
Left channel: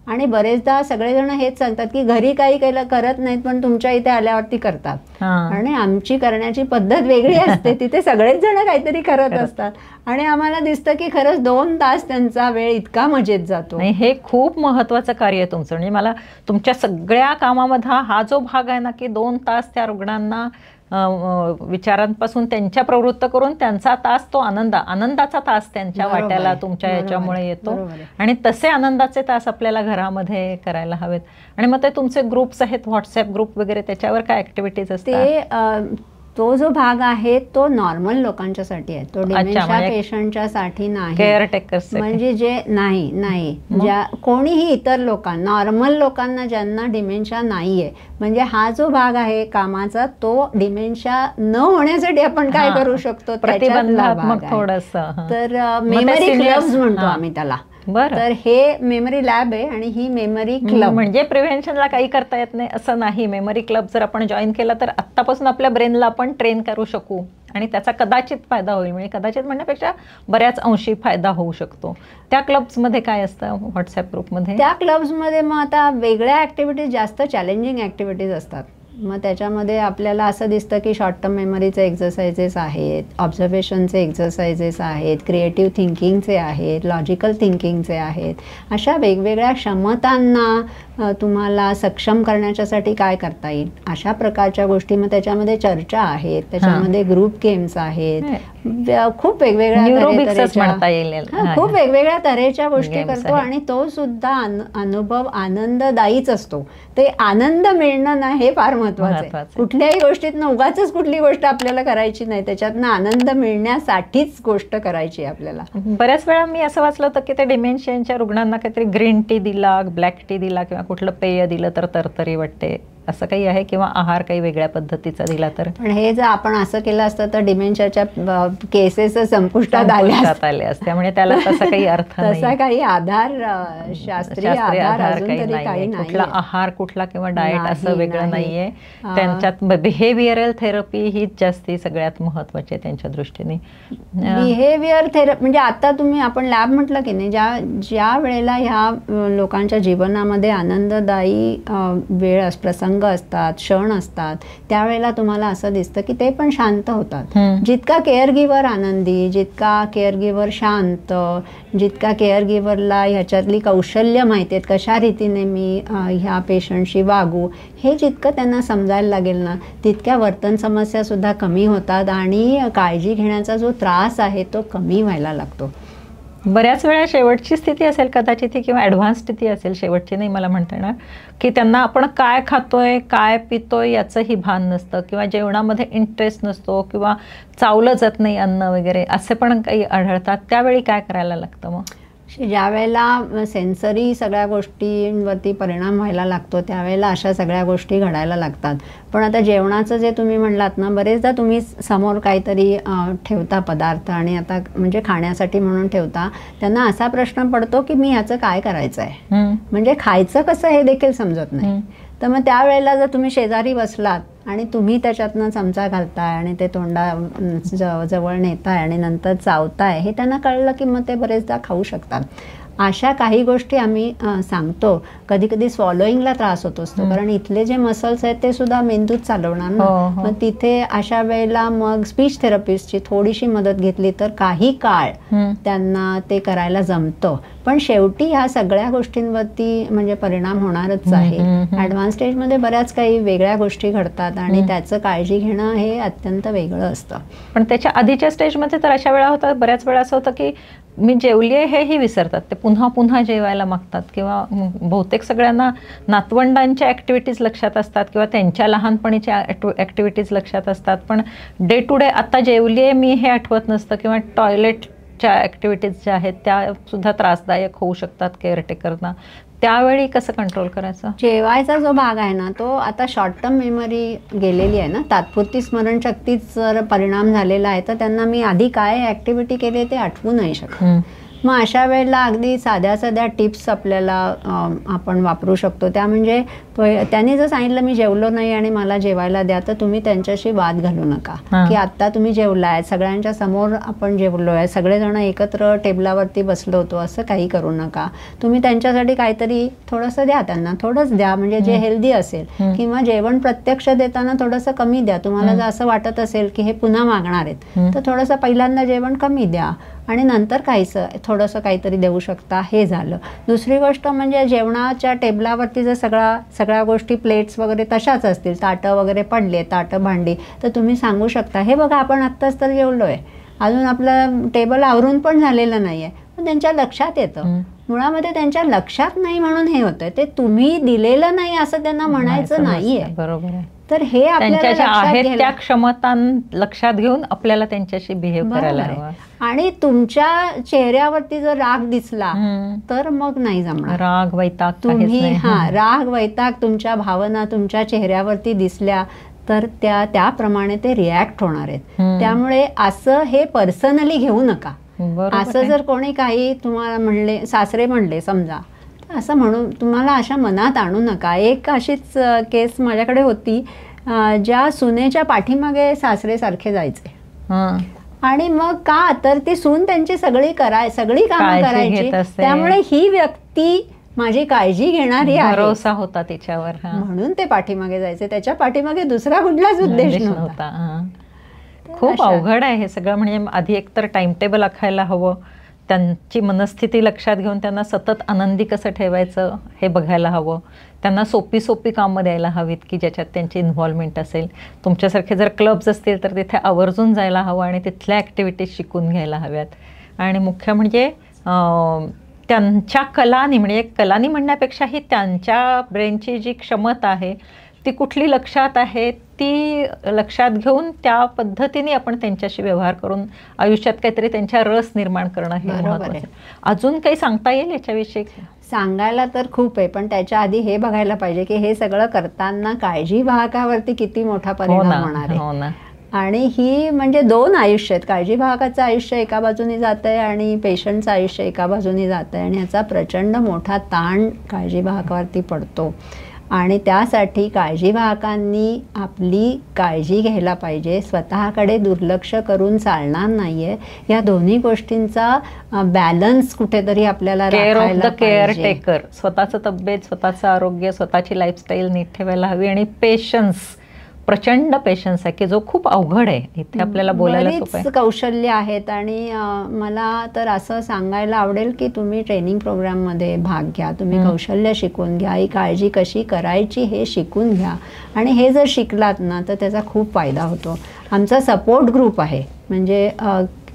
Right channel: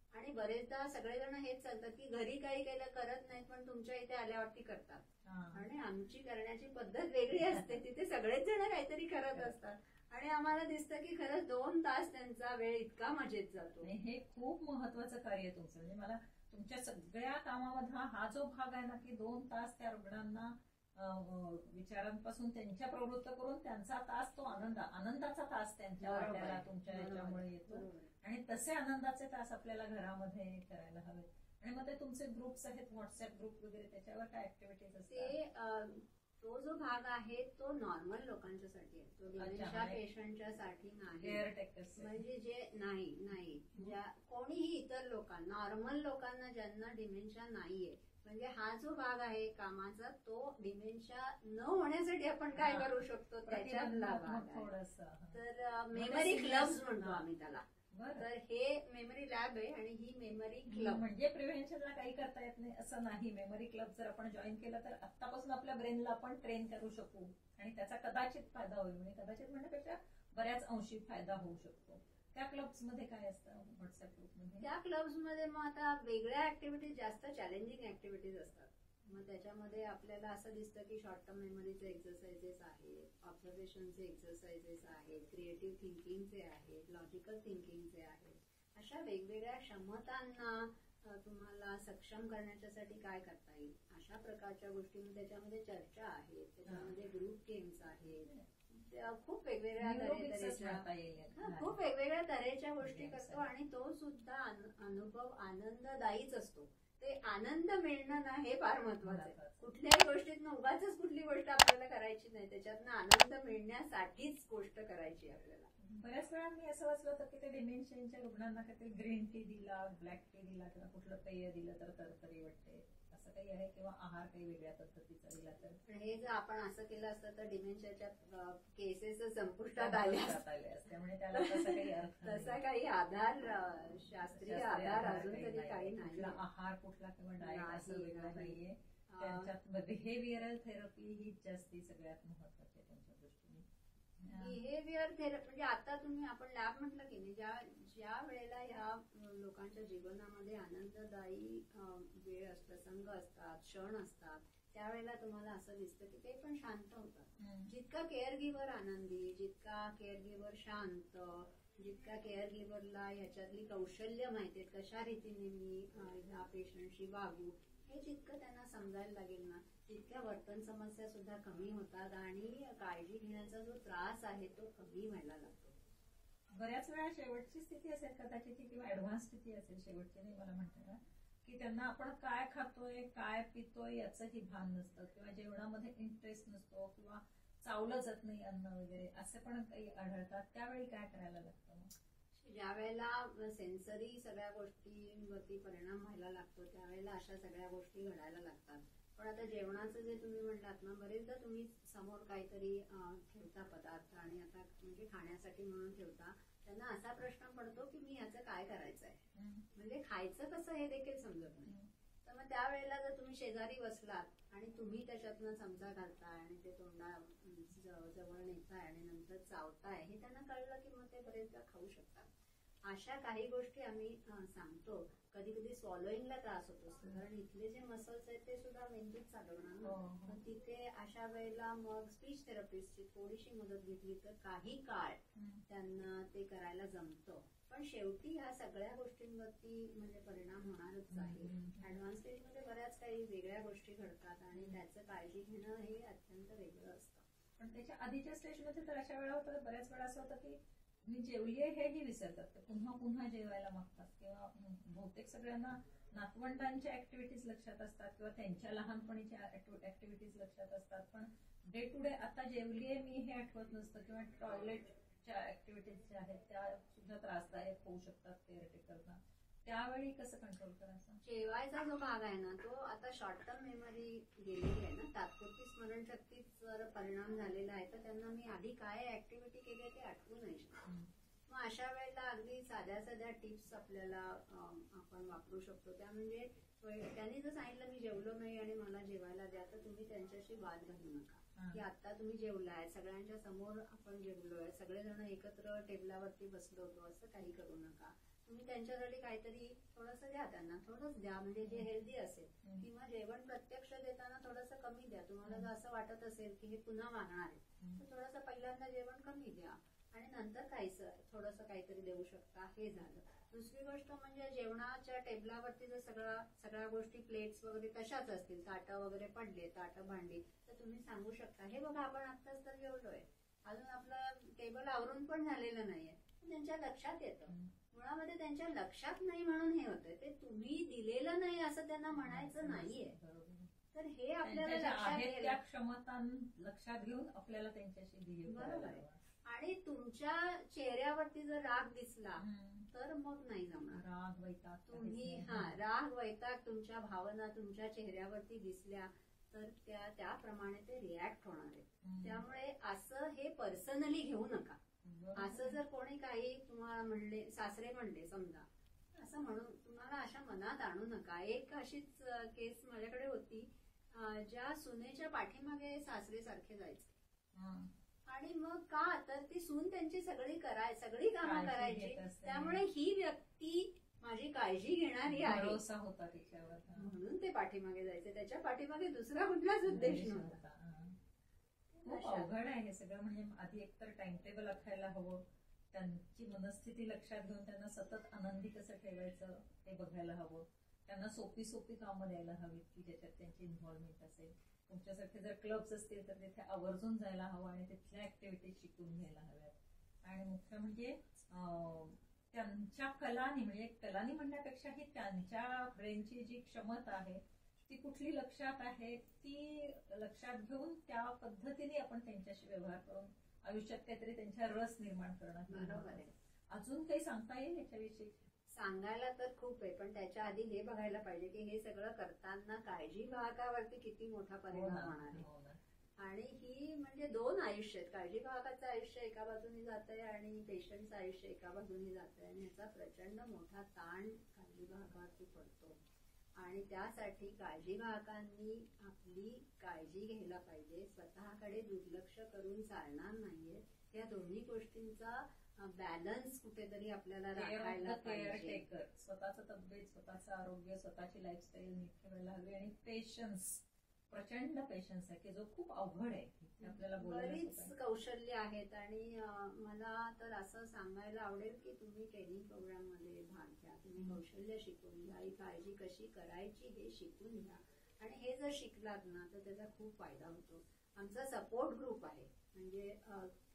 आणि बरेचदा सगळेजण हेच सांगतात की घरी काही करत नाहीत पण तुमच्या इथे आल्यावरती करतात. आणि आमची करण्याची पद्धत वेगळी असते, तिथे सगळेच जण काहीतरी करत असतात आणि आम्हाला दिसतं की खरंच 2 तास त्यांचा वेळ इतका मजेत जातो. नाही, हे खूप महत्वाचं कार्य आहे तुमचं. म्हणजे मला तुमच्या सगळ्या कामामध्ये हा जो भाग आहे ना की 2 तास त्या रुग्णांना विचारांपासून त्यांच्या प्रवृत्त करून त्यांचा तास तो आनंदाचा तास त्यांच्या वाट्याला तुमच्या याच्यामुळे येतो. आणि तसे आनंदाचे तास आपल्याला घरामध्ये करायला हवेत. आणि मग ते तुमचे ग्रुप्स आहेत, व्हॉट्सअप ग्रुप वगैरे, त्याच्यावर काय ऍक्टिव्हिटीज असतात? तो जो भाग आहे तो नॉर्मल लोकांच्यासाठी आहे, तो डिमेन्शिया पेशंटच्या साठी नाही. केअरटेकर्स म्हणजे जे नाही ज्या कोणीही इतर नॉर्मल लोकांना ज्यांना डिमेन्शिया नाहीये, म्हणजे हा जो भाग आहे कामाचा तो डिमेन्शिया न होण्यासाठी आपण काय करू शकतो प्रतिबंधात्मक थोडंसं. तर मेमरी क्लब्स म्हणतो आम्ही त्याला. तर हे मेमरी लॅब आहे आणि ही मेमरी क्लब. म्हणजे प्रिव्हेन्शनला काही करता येत नाही असं नाही. मेमरी क्लब जर आपण जॉईन केला तर आत्तापासून आपल्या ब्रेनला आपण ट्रेन करू शकू आणि त्याचा कदाचित फायदा होईल, म्हणजे कदाचित म्हणण्यापेक्षा बऱ्याच अंशी फायदा होऊ शकतो. त्या क्लब्समध्ये काय असतं व्हॉट्सॲप ग्रुपमध्ये? त्या क्लब्समध्ये मग आता वेगळ्या ॲक्टिव्हिटीज, जास्त चॅलेंजिंग ॲक्टिव्हिटीज असतात. मग त्याच्यामध्ये आपल्याला असं दिसतं की शॉर्ट टर्म मेमरीचे एक्झरसाइजेस आहेत, ऑब्झर्वेशनचे एक्झरसाइजेस आहेत, क्रिएटिव्ह थिंकिंगचे आहेत, लॉजिकल थिंकिंगचे आहेत. अशा वेगवेगळ्या क्षमतांना तुम्हाला सक्षम करण्याच्यासाठी काय करता येईल अशा प्रकारच्या गोष्टी. मग त्याच्यामध्ये चर्चा आहेत, त्याच्यामध्ये ग्रुप गेम्स आहेत, खूप वेगवेगळ्या तऱ्हेच्या गोष्टी करतो. आणि तो सुद्धा अनुभव आनंददायीच असतो. ते आनंद मिळणं ना हे फार महत्वाचं आहे. कुठल्याही गोष्टीतनं उगाचच कुठली गोष्ट आपल्याला करायची नाही, त्याच्यातनं आनंद मिळण्यासाठीच गोष्ट करायची आपल्याला. बऱ्याच वेळा मी असं वाचलं होतं की ते डिमेन्शियाच्या रुग्णांना काहीतरी ग्रीन टी दिला, ब्लॅक टी दिला किंवा कुठलं पेय दिलं तर तरतरी वाटते, असं काही आहे? किंवा आहार काही वेगळ्या पद्धतीचा दिला तर? पण हे जर आपण असं केलं असतं तर डिमेन्शियाच्या केसेस संपुष्टात आले असते, त्यामुळे त्याला तसा काही अर्थ नाही, तसा काही आधार, शास्त्रीय आधार काही नाही. कुठला आहार कुठला किंवा डाएट असं वेगळं नाहीये. त्यांच्यात बिहेवियरल थेरपी हीच जास्ती सगळ्यात महत्वाची आहे त्यांच्या दृष्टीने. बिहेवियर थेरपी म्हणजे आता आपण लॅब म्हटलं की नाही, ज्या वेळेला ह्या लोकांच्या जीवनामध्ये आनंददायी वेळ प्रसंग असतात, क्षण असतात, त्यावेळेला तुम्हाला असं दिसतं की ते पण शांत होतात. जितका केअर गिव्हर आनंदी, जितका केअर गिव्हर शांत, जितका केअर गिव्हरला ह्याच्यातली कौशल्य माहिती आहेत, कशा रीतीने मी ह्या पेशंटशी वागू, हे जितकं त्यांना समजायला लागेल ना, तितक्या वर्तन समस्या सुद्धा कमी होतात आणि काळजी घेण्याचा जो त्रास आहे तो कमी व्हायला लागतो. बऱ्याच वेळा शेवटची स्थिती असेल कदाचित ती, किंवा ॲडव्हान्स स्थिती असेल, शेवटची नाही मला म्हणता येणार, की त्यांना आपण काय खातोय काय पितोय याचंही भान नसतं, किंवा जेवणामध्ये इंटरेस्ट नसतो, किंवा चावलं जात नाही अन्न वगैरे, असे पण काही आढळतात. त्यावेळी काय करायला लागतं मग? ज्या वेळेला सेन्सरी सगळ्या गोष्टींवरती परिणाम व्हायला लागतो त्यावेळेला अशा सगळ्या गोष्टी घडायला लागतात. पण आता जेवणाचं जे तुम्ही म्हणलात ना, बरेचदा तुम्ही समोर काहीतरी ठेवता पदार्थ आणि आता म्हणजे खाण्यासाठी म्हणून ठेवता, त्यांना असा प्रश्न पडतो की मी ह्याचं काय करायचं आहे, म्हणजे खायचं कसं हे देखील समजत नाही. तर मग त्यावेळेला जर तुम्ही शेजारी बसलात आणि तुम्ही त्याच्यातनं चमचा घालताय आणि ते जवळ नेताय आणि नंतर चावताय, हे त्यांना कळलं की मग ते बरेचदा खाऊ शकतात. अशा काही गोष्टी आम्ही सांगतो. कधी कधी स्वॉलोईंगला त्रास होत असतो, कारण इथले जे मसल्स आहेत ते सुद्धा मेंदूत चालवणार ना. मग तिथे अशा वेळेला मग स्पीच थेरपिस्टची थोडीशी मदत घेतली तर काही काळ त्यांना ते करायला जमतं. पण शेवटी ह्या सगळ्या गोष्टींवरती म्हणजे परिणाम होणारच आहे. ॲडव्हान्स स्टेजमध्ये बऱ्याच काही वेगळ्या गोष्टी घडतात आणि त्याचं काळजी घेणं हे अत्यंत वेगळं असतं. पण त्याच्या आधीच्या स्टेजमध्ये तर अशा वेळा होतात, बऱ्याच वेळा असं होतं की मी जेवली आहे हेही विसरतात, ते पुन्हा पुन्हा जेवायला मागतात, किंवा बहुतेक सगळ्यांना नातवंडांच्या ॲक्टिव्हिटीज लक्षात असतात किंवा त्यांच्या लहानपणीच्या ॲक्टिव्हिटीज लक्षात असतात, पण डे टू डे आता जेवली आहे मी हे आठवत नसतं, किंवा टॉयलेटच्या ॲक्टिव्हिटीज ज्या आहेत त्या सुद्धा त्रासदायक होऊ शकतात केअरटेकरना. त्यावेळी कसं कंट्रोल करायचं? जेवायचा जो भाग आहे ना, तो आता शॉर्ट टर्म मेमरी गेलेली आहे ना, तात्पुरती स्मरणशक्तीच जर परिणाम झालेला आहे तर त्यांना मी आधी काय ॲक्टिव्हिटी केली ते आठवू नाही शकत. मग अशा वेळेला अगदी साध्या साध्या टिप्स आपल्याला आपण वापरू शकतो. त्या म्हणजे त्यांनी जर सांगितलं मी जेवलो नाही आणि मला जेवायला द्या, तर तुम्ही त्यांच्याशी वाद घालू नका की आत्ता तुम्ही जेवलाय, सगळ्यांच्या समोर आपण जेवलोय, सगळेजण एकत्र टेबलावरती बसलो होतो, असं काही करू नका. तुम्ही त्यांच्यासाठी काहीतरी थोडंसं द्या, त्यांना थोडंच द्या म्हणजे जे हेल्दी असेल, किंवा जेवण प्रत्यक्ष देताना थोडंसं कमी द्या. तुम्हाला जर असं वाटत असेल की हे पुन्हा मागणार आहेत तर थोडंसं पहिल्यांदा जेवण कमी द्या आणि नंतर थोडंसं काहीतरी देऊ शकता. हे झालं. दुसरी गोष्ट म्हणजे जेवणाच्या टेबलावरती जर सगळ्या गोष्टी प्लेट्स वगैरे तशाच असतील, ताटं वगैरे पडले, ताटं भांडी, तर तुम्ही सांगू शकता हे बघा आपण आत्ताच तर जेवलो आहे, अजून आपलं टेबल आवरून पण झालेलं नाही आहे. पण त्यांच्या लक्षात येतं. मुळामध्ये त्यांच्या लक्षात नाही म्हणून हे होतं, ते तुम्ही दिलेलं नाही असं त्यांना म्हणायचं नाहीये. बरोबर आहे. तर हे आपल्याला त्या क्षमता लक्षात घेऊन आपल्याला त्यांच्याशी बिहेव करायला हवं. आणि तुमच्या चेहऱ्यावरती जर राग दिसला तर मग नाही जमणार. राग वैताग तुम्ही राग वैताग तुमच्या भावना तुमच्या चेहऱ्यावरती दिसल्या तर त्याप्रमाणे ते रिॲक्ट होणार आहेत. त्यामुळे असं हे पर्सनली घेऊ नका. असं जर कोणी काही तुम्हाला म्हणले, सासरे म्हणले समजा, असं म्हणून तुम्हाला अशा मनात आणू नका. एक अशीच केस माझ्याकडे होती, ज्या सुनेच्या पाठीमागे सासरे सारखे जायचे आणि मग का तर ती सून त्यांची सगळी कामं करायची, त्यामुळे ही व्यक्ती माझी काळजी घेणारी आहे, भरोसा होता तिच्यावर, म्हणून ते पाठीमागे जायचे. त्याच्या पाठीमागे दुसरा कुठलाच उद्देश नव्हता. खूप अवघड आहे हे सगळं. म्हणजे आधी एकतर टाइम टेबल आखायला हवं, त्यांची मनस्थिती लक्षात घेऊन त्यांना सतत आनंदी कसं ठेवायचं हे बघायला हवं, त्यांना सोपी कामं द्यायला हवीत की ज्याच्यात त्यांची इन्व्हॉल्वमेंट असेल. तुमच्यासारखे जर क्लब्स असतील तर तिथे आवर्जून जायला हवं आणि तिथल्या ॲक्टिव्हिटीज शिकून घ्यायला हव्यात. आणि मुख्य म्हणजे त्यांच्या कलानी, म्हणजे कलानी म्हणण्यापेक्षाही त्यांच्या ब्रेनची जी क्षमता आहे ती कुठली लक्षात आहे ती लक्षात घेऊन त्या पद्धतीने आपण त्यांच्याशी व्यवहार करून आयुष्यात काहीतरी त्यांच्या रस निर्माण करणं हे महत्त्वाचं आहे. अजून काही सांगता येईल याच्याविषयी? सांगायला तर खूप आहे, पण त्याच्या आधी हे बघायला पाहिजे की हे सगळं करताना काळजी वाहकावरती किती मोठा परिणाम होणार आहे. आणि ही म्हणजे 2 आयुष्य आहेत. काळजी वाहकाचं आयुष्य एका बाजूने जात आहे आणि पेशंटचं आयुष्य एका बाजूने जात आहे, आणि ह्याचा प्रचंड मोठा ताण काळजी वाहकावरती पडतो. आणि त्यासाठी काळजी वाहकांनी आपली काळजी घ्यायला पाहिजे. स्वतःकडे दुर्लक्ष करून चालणार नाहीये. या दोन्ही गोष्टींचा बॅलन्स कुठेतरी आपल्याला राखायला पाहिजे. केअर टेकर, स्वतःचं तब्येत, स्वतःचं आरोग्य, स्वतःची लाईफस्टाईल नीट ठेवायला हवी. आणि पेशन्स, प्रचंड पेशन्स आहे की जो खूप अवघड आहे. इथे आपल्याला बोलायला सोपं आहे. कौशल्य आहेत. आणि मला तर असं सांगायला आवडेल की तुम्ही ट्रेनिंग प्रोग्राममध्ये भाग घ्या, तुम्ही कौशल्य शिकून घ्या, ही काळजी कशी करायची हे शिकून घ्या. आणि हे जर शिकलात ना तर त्याचा खूप फायदा होतो. आमचा सपोर्ट ग्रुप आहे, म्हणजे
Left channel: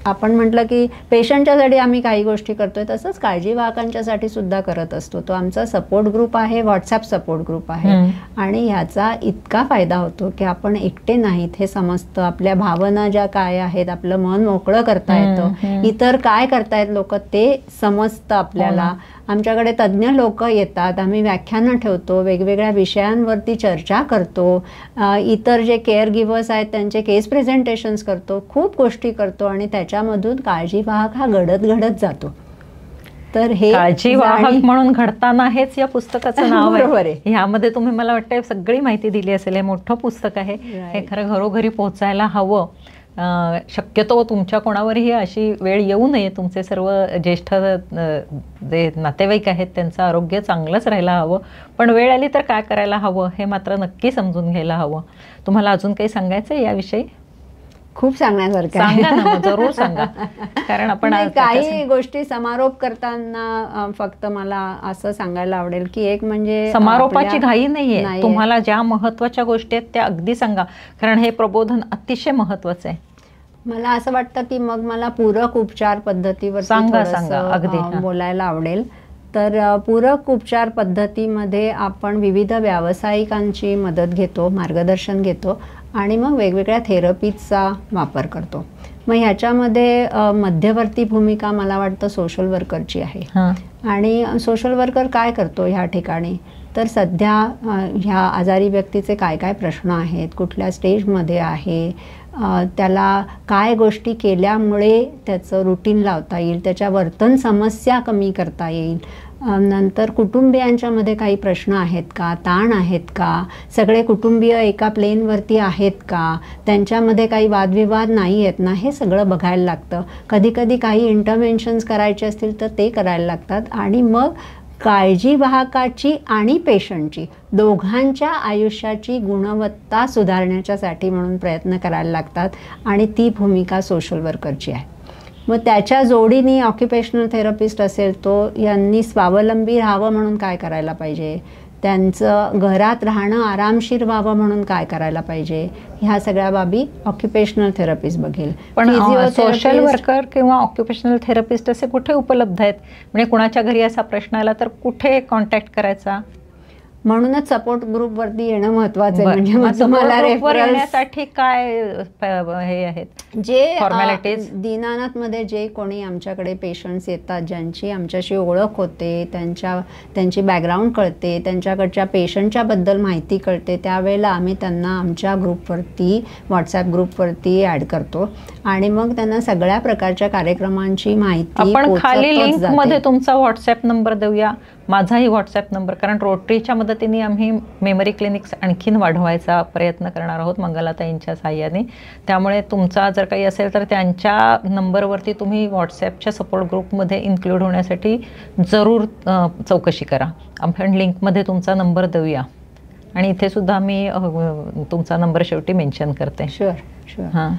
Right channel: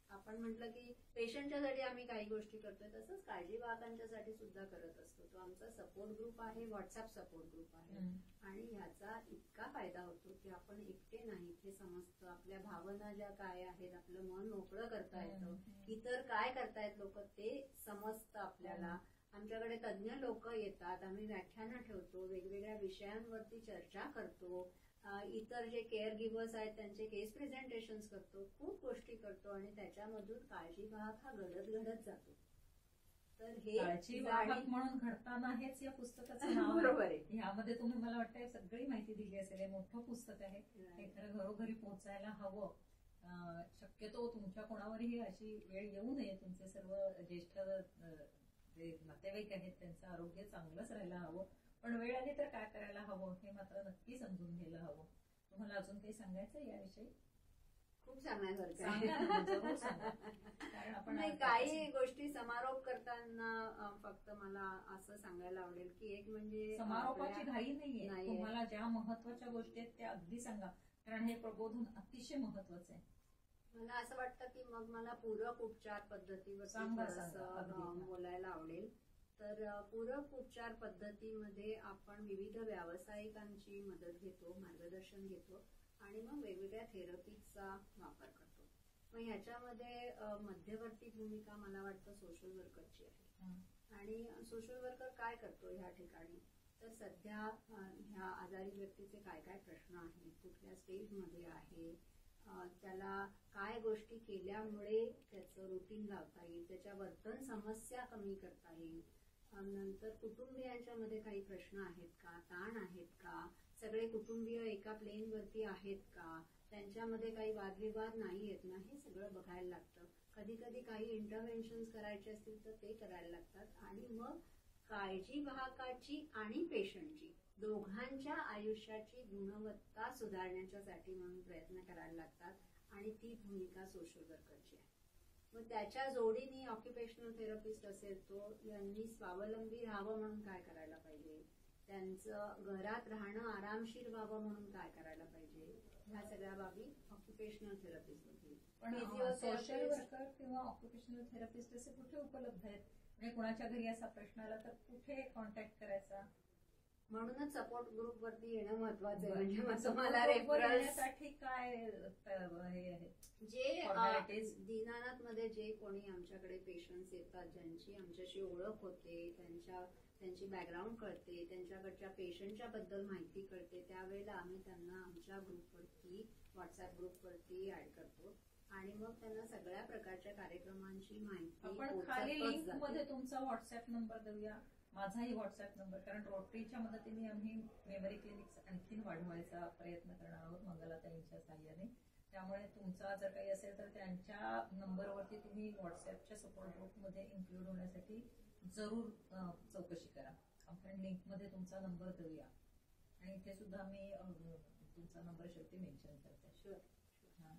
आपण म्हटलं की पेशंटच्यासाठी आम्ही काही गोष्टी करतोय, तसंच काळजी वाहकांच्यासाठी सुद्धा करत असतो. तो आमचा सपोर्ट ग्रुप आहे, व्हॉट्सॲप सपोर्ट ग्रुप आहे. आणि ह्याचा इतका फायदा होतो की आपण एकटे नाहीत हे समजतं. आपल्या भावना ज्या काय आहेत, आपलं मन मोकळं करता येतं, इतर काय करतायत लोक ते समजतं आपल्याला. आमच्याकडे तज्ज्ञ लोक येतात, आम्ही व्याख्यानं ठेवतो, वेगवेगळ्या विषयांवरती चर्चा करतो, इतर जे केअर गिव्हर्स आहेत त्यांचे केस प्रेझेंटेशन्स करतो, खूप गोष्टी करतो. आणि त्याच्यामधून काळजी वाहक हा घडत जातो. तर हे काळजी वाहक म्हणून घडताना हेच या पुस्तकाचं नाव आहे. ह्यामध्ये तुम्ही मला वाटतं सगळी माहिती दिली असेल. हे मोठं पुस्तक आहे, हे खरं घरोघरी पोहोचायला हवं. शक्यतो तुमच्या कोणावरही अशी वेळ येऊ नये. तुमचे सर्व ज्येष्ठ जे नातेवाईक आहेत त्यांचं आरोग्य चांगलंच राहायला हवं, पण वेळ आली तर काय करायला हवं हे मात्र नक्की समजून घ्यायला हवं. तुम्हाला अजून काही सांगायचं आहे याविषयी? खूप सांगण्यासारखं सांगा ना, जरूर सांगा. कारण आपण काही गोष्टी समारोप करताना फक्त मला असं सांगायला आवडेल की एक म्हणजे समारोपाची घाई नाहीये. तुम्हाला ज्या महत्वाच्या गोष्टी आहेत त्या अगदी सांगा, कारण हे प्रबोधन अतिशय महत्वाचं आहे. मला असं वाटतं की मग मला पूरक उपचार पद्धतीवर अगदी बोलायला आवडेल. तर पूरक उपचार पद्धतीमध्ये आपण विविध व्यावसायिकांची मदत घेतो, मार्गदर्शन घेतो आणि मग वेगवेगळ्या थेरपीचा वापर करतो. मग ह्याच्यामध्ये मध्यवर्ती भूमिका मला वाटतं सोशल वर्करची आहे. आणि सोशल वर्कर काय करतो ह्या ठिकाणी, तर सध्या ह्या आजारी व्यक्तीचे काय काय प्रश्न आहेत, कुठल्या स्टेजमध्ये आहे, त्याला काय गोष्टी केल्यामुळे त्याचं रुटीन लावता येईल, त्याच्या वर्तन समस्या कमी करता येईल, नंतर कुटुंबियांच्यामध्ये काही प्रश्न आहेत का, ताण आहेत का, सगळे कुटुंबीय एका प्लेनवरती आहेत का, त्यांच्यामध्ये काही वादविवाद नाही आहेत ना, हे सगळं बघायला लागतं. कधीकधी काही इंटरव्हेन्शन्स करायचे असतील तर ते करायला लागतात. आणि मग काळजी वाहकाची आणि पेशंटची दोघांच्या आयुष्याची गुणवत्ता सुधारण्याच्यासाठी म्हणून प्रयत्न करायला लागतात. आणि ती भूमिका सोशल वर्करची आहे. मग त्याच्या जोडीने ऑक्युपेशनल थेरपिस्ट असेल तो यांनी स्वावलंबी राहावं म्हणून काय करायला पाहिजे, त्यांचं घरात राहणं आरामशीर व्हावं म्हणून काय करायला पाहिजे, ह्या सगळ्या बाबी ऑक्युपेशनल थेरपिस्ट बघेल. पण सोशल वर्कर किंवा ऑक्युपेशनल थेरपिस्ट असे कुठे उपलब्ध आहेत? म्हणजे कुणाच्या घरी असा प्रश्न आला तर कुठे कॉन्टॅक्ट करायचा? म्हणूनच सपोर्ट ग्रुपवरती येणं महत्वाचं आहे. म्हणजे तुम्हाला येण्यासाठी काय हे आहेत जे फॉर्मॅलिटीज? दीनानाथमध्ये जे कोणी आमच्याकडे पेशंट्स येतात, ज्यांची आमच्याशी ओळख होते, त्यांची बॅकग्राऊंड कळते, त्यांच्याकडच्या पेशंटच्याबद्दल माहिती कळते, त्यावेळेला आम्ही त्यांना आमच्या ग्रुपवरती, व्हॉट्सॲप ग्रुपवरती ॲड करतो. आणि मग त्यांना सगळ्या प्रकारच्या कार्यक्रमांची माहिती आपण खाली लिंकमध्ये तुमचा व्हॉट्सॲप नंबर देऊया. माझाही व्हॉट्सॲप नंबर, कारण रोटरीच्या मदतीने आम्ही मेमरी क्लिनिक्स आणखीन वाढवायचा प्रयत्न करणार आहोत मंगलाताईंच्या साहाय्याने. त्यामुळे तुमचा जर काही असेल तर त्यांच्या नंबरवरती तुम्ही व्हॉट्सॲपच्या सपोर्ट ग्रुपमध्ये इन्क्लूड होण्यासाठी जरूर चौकशी करा. आपण लिंकमध्ये तुमचा नंबर देऊया आणि इथे सुद्धा मी तुमचा नंबर शेवटी मेन्शन करते. शुअर. हां,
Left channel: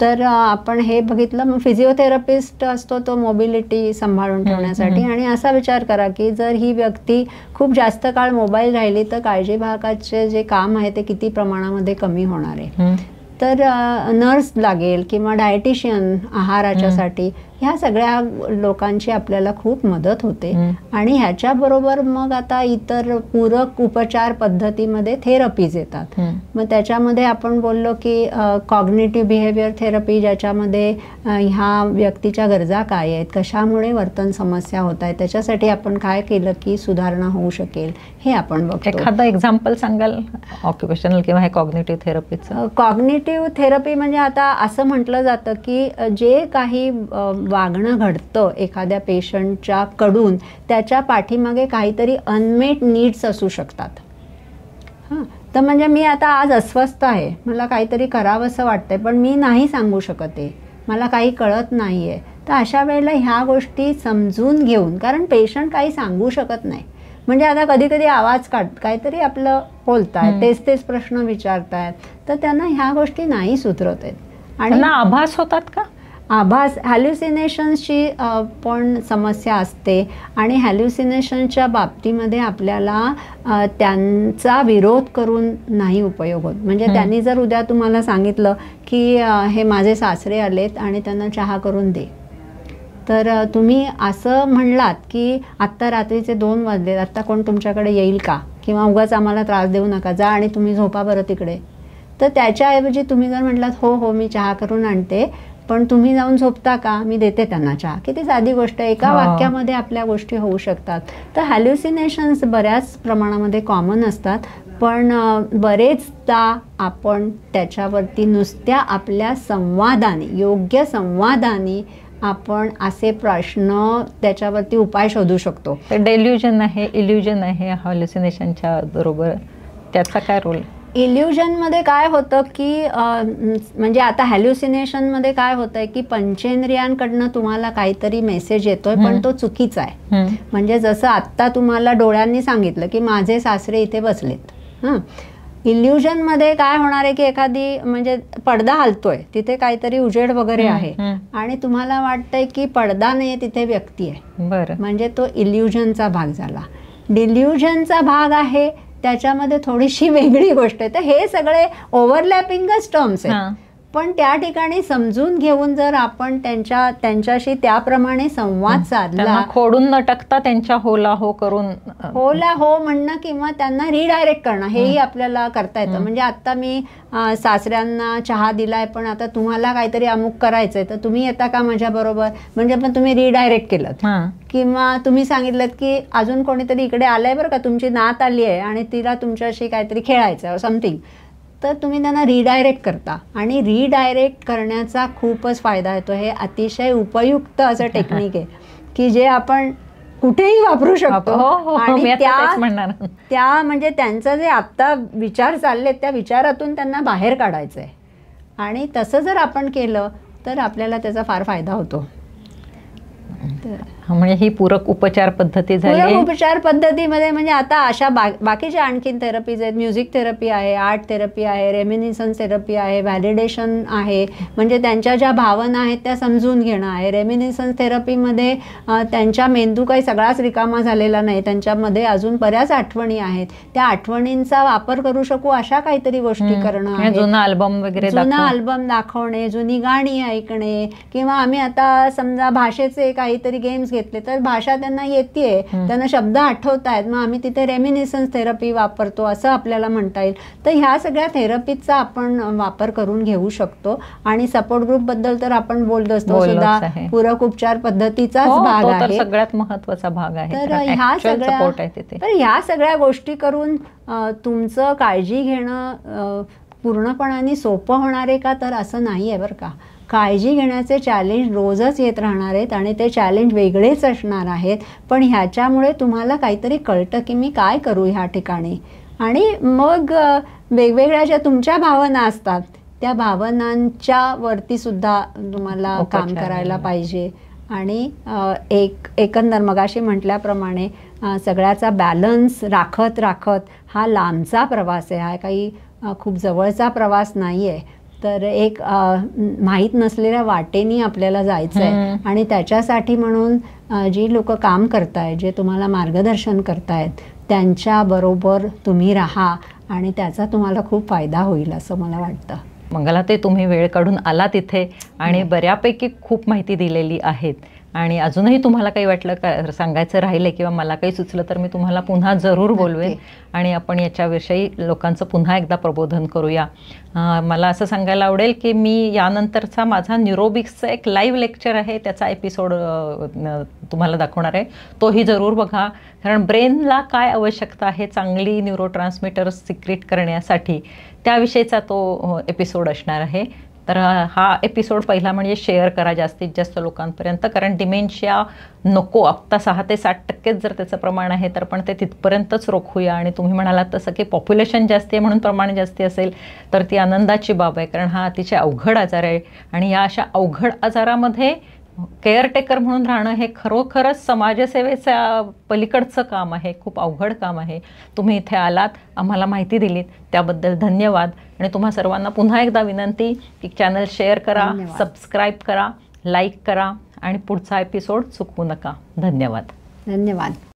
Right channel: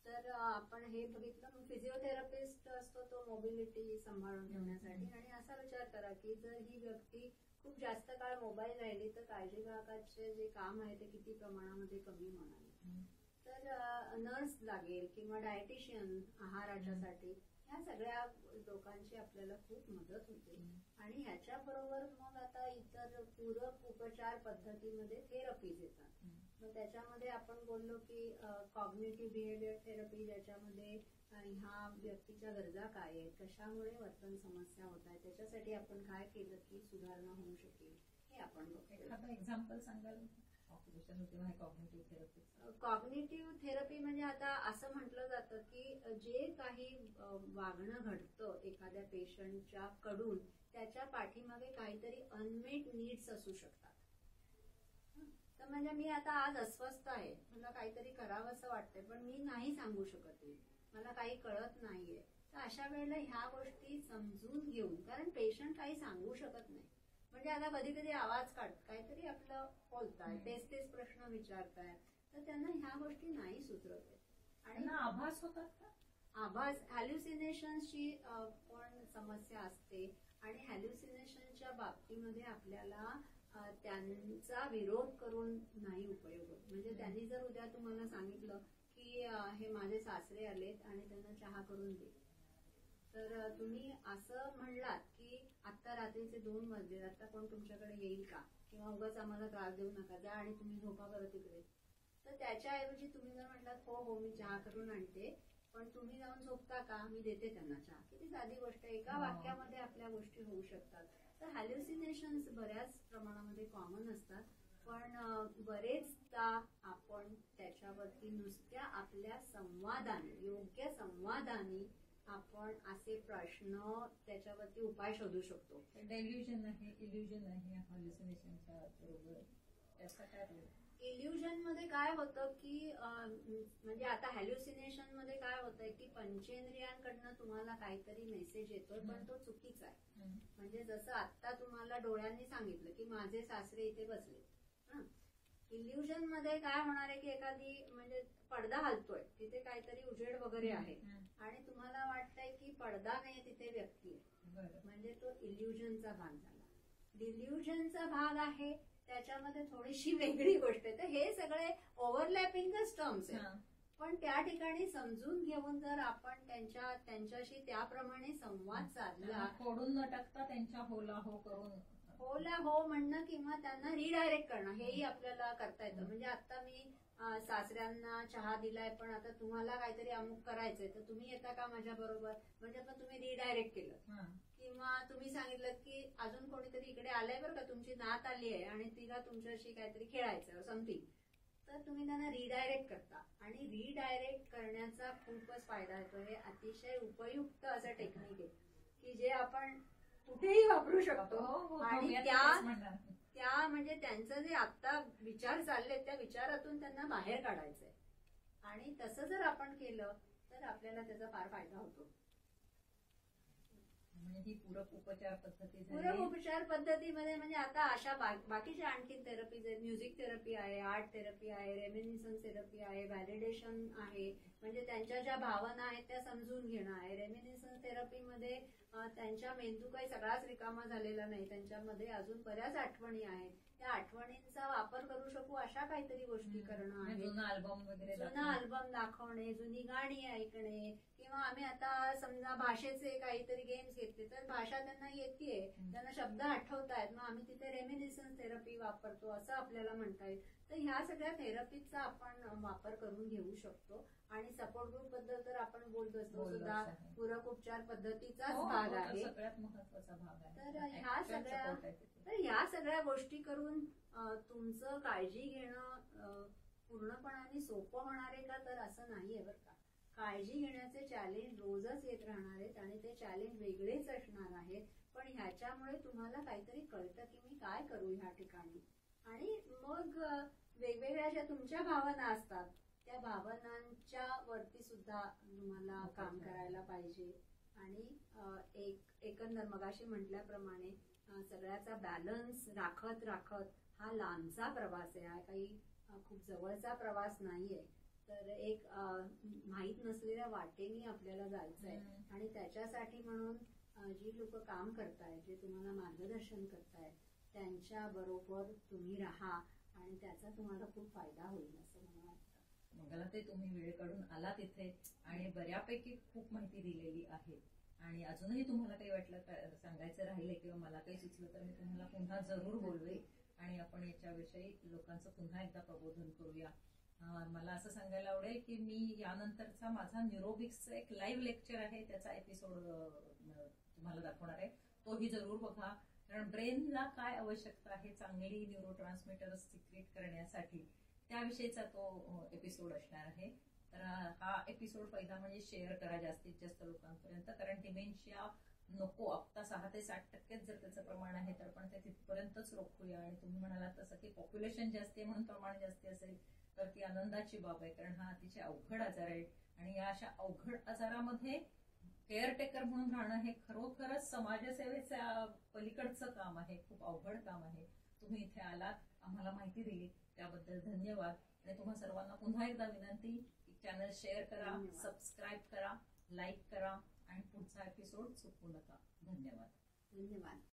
तर आपण हे बघितलं. मग फिजिओथेरपिस्ट असतो तो मोबिलिटी सांभाळून ठेवण्यासाठी. आणि असा विचार करा की जर ही व्यक्ती खूप जास्त काळ मोबाईल राहिली तर काळजीवाहकाचे जे काम आहे ते किती प्रमाणामध्ये कमी होणार आहे. तर नर्स लागेल किंवा डायटिशियन आहाराच्यासाठी, ह्या सगळ्या लोकांची आपल्याला खूप मदत होते. आणि ह्याच्याबरोबर मग आता इतर पूरक उपचार पद्धतीमध्ये थेरपीज येतात. मग त्याच्यामध्ये आपण बोललो की कॉग्निटिव्ह बिहेवियर थेरपी, ज्याच्यामध्ये ह्या व्यक्तीच्या गरजा काय आहेत, कशामुळे वर्तन समस्या होत आहेत, त्याच्यासाठी आपण काय केलं की सुधारणा होऊ शकेल हे आपण बघतो. एखादं एक्झाम्पल सांगाल ऑक्युपेशनल किंवा हे कॉग्निटिव्ह थेरपीचं? कॉग्निटिव्ह थेरपी म्हणजे आता असं म्हटलं जातं की जे काही वागणं घडतं एखाद्या पेशंटच्या कडून, त्याच्या पाठीमागे काहीतरी अनमेट नीड्स असू शकतात. हां, तर म्हणजे मी आता आज अस्वस्थ आहे, मला काहीतरी करावंसं वाटतंय पण मी नाही सांगू शकत आहे, मला काही कळत नाही आहे. तर अशा वेळेला ह्या गोष्टी समजून घेऊन, कारण पेशंट काही सांगू शकत नाही, म्हणजे आता कधी कधी आवाज काहीतरी आपलं बोलतायत, तेच प्रश्न विचारतायत, तर त्यांना ह्या गोष्टी नाही सुधरत आहेत. आणि आभास होतात का? आभास, हॅल्युसिनेशन्सची पण समस्या असते. आणि हॅल्युसिनेशनच्या बाबतीमध्ये आपल्याला त्यांचा विरोध करून नाही उपयोग होत. म्हणजे त्यांनी जर उद्या तुम्हाला सांगितलं की हे माझे सासरे आलेत आणि त्यांना चहा करून दे, तर तुम्ही असं म्हणलात की आत्ता रात्रीचे 2 वाजले, आत्ता कोण तुमच्याकडे येईल का, किंवा उगाच आम्हाला त्रास देऊ नका, जा आणि तुम्ही झोपा बरं तिकडे. तर त्याच्याऐवजी तुम्ही जर म्हटलात हो मी चहा करून आणते, पण तुम्ही जाऊन झोपता का, मी देते त्यांना चहा. किती साधी गोष्ट आहे, एका वाक्यामध्ये आपल्या गोष्टी होऊ शकतात. तर हॅल्युसिनेशन्स बऱ्याच प्रमाणामध्ये कॉमन असतात, पण बरेचदा आपण त्याच्यावरती नुसत्या आपल्या संवादाने, योग्य संवादाने आपण असे प्रश्न त्याच्यावरती उपाय शोधू शकतो. डेल्युजन आहे, इल्युजन आहे हॅल्युसिनेशनच्या बरोबर, त्याचा काय रोल? इल्युजनमध्ये काय होतं की म्हणजे आता हॅल्युसिनेशनमध्ये काय होतंय की पंचेंद्रियांकडनं तुम्हाला काहीतरी मेसेज येतोय, पण तो चुकीचा आहे. म्हणजे जसं आत्ता तुम्हाला डोळ्यांनी सांगितलं की माझे सासरे इथे बसलेत. इल्युजनमध्ये काय होणार आहे की एखादी, म्हणजे पडदा हलतोय, तिथे काहीतरी उजेड वगैरे आहे आणि तुम्हाला वाटतंय की पडदा नाही, तिथे व्यक्ती आहे. बरं, म्हणजे तो इल्युजनचा भाग झाला. डिल्युजनचा भाग आहे त्याच्यामध्ये थोडीशी वेगळी गोष्ट आहे. तर हे सगळे ओव्हरलॅपिंगच टर्म्स आहेत, पण त्या ठिकाणी समजून घेऊन जर आपण त्यांच्याशी त्याप्रमाणे संवाद साधला, खोडून न टाकता त्यांच्या होला हो करून, होला हो म्हणणं किंवा त्यांना रिडायरेक्ट करणं, हेही आपल्याला करता येतं. म्हणजे आता मी सासऱ्यांना चहा दिलाय, पण आता तुम्हाला काहीतरी अमुक करायचंय, तर तुम्ही येता का माझ्या बरोबर, म्हणजे पण तुम्ही रिडायरेक्ट केलं. किंवा तुम्ही सांगितलं की अजून कोणीतरी इकडे आलंय बरं का, तुमची नात आली आहे आणि तिला तुमच्याशी काहीतरी खेळायचं समथिंग, तर तुम्ही त्यांना रिडायरेक्ट करता. आणि रिडायरेक्ट करण्याचा खूपच फायदा येतो. हे अतिशय उपयुक्त असं टेक्निक आहे की जे आपण कुठेही वापरू शकतो. आणि त्या म्हणजे त्यांचं जे आत्ता विचार चाललेत त्या विचारातून त्यांना बाहेर काढायचं आहे. आणि तसं जर आपण केलं तर आपल्याला त्याचा फार फायदा होतो. म्हणजे ही पूरक उपचार पद्धती झाली. पूरक उपचार पद्धतीमध्ये म्हणजे आता अशा बाकीच्या आणखीन थेरपीज आहेत. म्युझिक थेरपी आहे, आर्ट थेरपी आहे, रेमिनिसन्स थेरपी आहे, व्हॅलिडेशन आहे, म्हणजे त्यांच्या ज्या भावना आहेत त्या समजून घेणं आहे. रेमिनिसन्स थेरपीमध्ये त्यांच्या मेंदू काही सगळाच रिकामा झालेला नाही, त्यांच्यामध्ये अजून बऱ्याच आठवणी आहेत, त्या आठवणींचा वापर करू शकू अशा काहीतरी गोष्टी करणं आहे. जुना अल्बम वगैरे, जुना अल्बम दाखवणे, जुनी गाणी ऐकणे, किंवा आम्ही आता समजा भाषेचे काहीतरी गेम्स घेतले तर भाषा त्यांना येते, त्यांना शब्द आठवत आहेत, मग आम्ही तिथे रेमिनिसन्स थेरपी वापरतो असं आपल्याला म्हणता येईल. तर ह्या सगळ्या थेरपीचा आपण वापर करून घेऊ शकतो. आणि सपोर्ट ग्रुप बद्दल तर आपण बोलत असतो, सुद्धा पूरक उपचार पद्धतीचाच भाग आहे, सगळ्यात महत्वाचा भाग आहे. तर ह्या सगळ्या गोष्टी करून तुमचं काळजी घेणं पूर्णपणाने सोपं होणार आहे का, तर असं नाही आहे बरं का. काळजी घेण्याचे चॅलेंज रोजच येत राहणार आहेत आणि ते चॅलेंज वेगळेच असणार आहेत, पण ह्याच्यामुळे तुम्हाला काहीतरी कळतं की मी काय करू ह्या ठिकाणी. आणि मग वेगवेगळ्या ज्या तुमच्या भावना असतात त्या भावनांच्या वरती सुद्धा तुम्हाला काम करायला पाहिजे. आणि एकंदर मगाशी म्हटल्याप्रमाणे सगळ्याचा बॅलन्स राखत राखत हा लांबचा प्रवास आहे, हा काही खूप जवळचा प्रवास नाही आहे. तर एक माहीत नसलेल्या वाटेनी आपल्याला जायचं आहे आणि त्याच्यासाठी म्हणून जी लोक काम करतायत, जे तुम्हाला मार्गदर्शन करतायत, त्यांच्याबरोबर तुम्ही राहा आणि त्याचा तुम्हाला खूप फायदा होईल असं मला वाटतं. मंगला, ते तुम्ही वेळ काढून आला तिथे आणि बऱ्यापैकी खूप माहिती दिलेली आहेत. आणि अजूनही तुम्हाला काही वाटलं का सांगायचं राहिलं किंवा मला काही सुचलं तर मी तुम्हाला पुन्हा जरूर बोलवेन आणि आपण याच्याविषयी लोकांचं पुन्हा एकदा प्रबोधन करूया. मला असं सांगायला आवडेल की मी यानंतरचा माझा न्यूरोबिक्सचा एक लाईव्ह लेक्चर आहे, त्याचा एपिसोड तुम्हाला दाखवणार आहे. तोही जरूर बघा, कारण ब्रेनला काय आवश्यकता आहे चांगली न्यूरोट्रान्समीटर्स सिक्रेट करण्यासाठी, त्याविषयीचा तो एपिसोड असणार आहे. तर हा एपिसोड पहिला म्हणजे शेअर करा जास्तीत जास्त लोकांपर्यंत, कारण डिमेन्शिया नको, आत्ता 6 ते 7% जर त्याचं प्रमाण आहे तर पण ते तिथपर्यंतच रोखूया. आणि तुम्ही म्हणालात तसं की पॉप्युलेशन जास्ती आहे म्हणून प्रमाण जास्ती असेल तर ती आनंदाची बाब आहे, कारण हा अतिशय अवघड आजार आहे. आणि या अशा अवघड आजारामध्ये केअरटेकर म्हणून राहणं हे खरोखरच समाजसेवेच्या पलीकडचं काम आहे, खूप अवघड काम आहे. तुम्ही इथे आलात, आम्हाला माहिती दिलीत, त्याबद्दल धन्यवाद. आणि तुम्हा सर्वांना पुन्हा एकदा विनंती की चॅनल शेअर करा, सबस्क्राईब करा, लाईक करा आणि पुढचा एपिसोड चुकवू नका. धन्यवाद. धन्यवाद.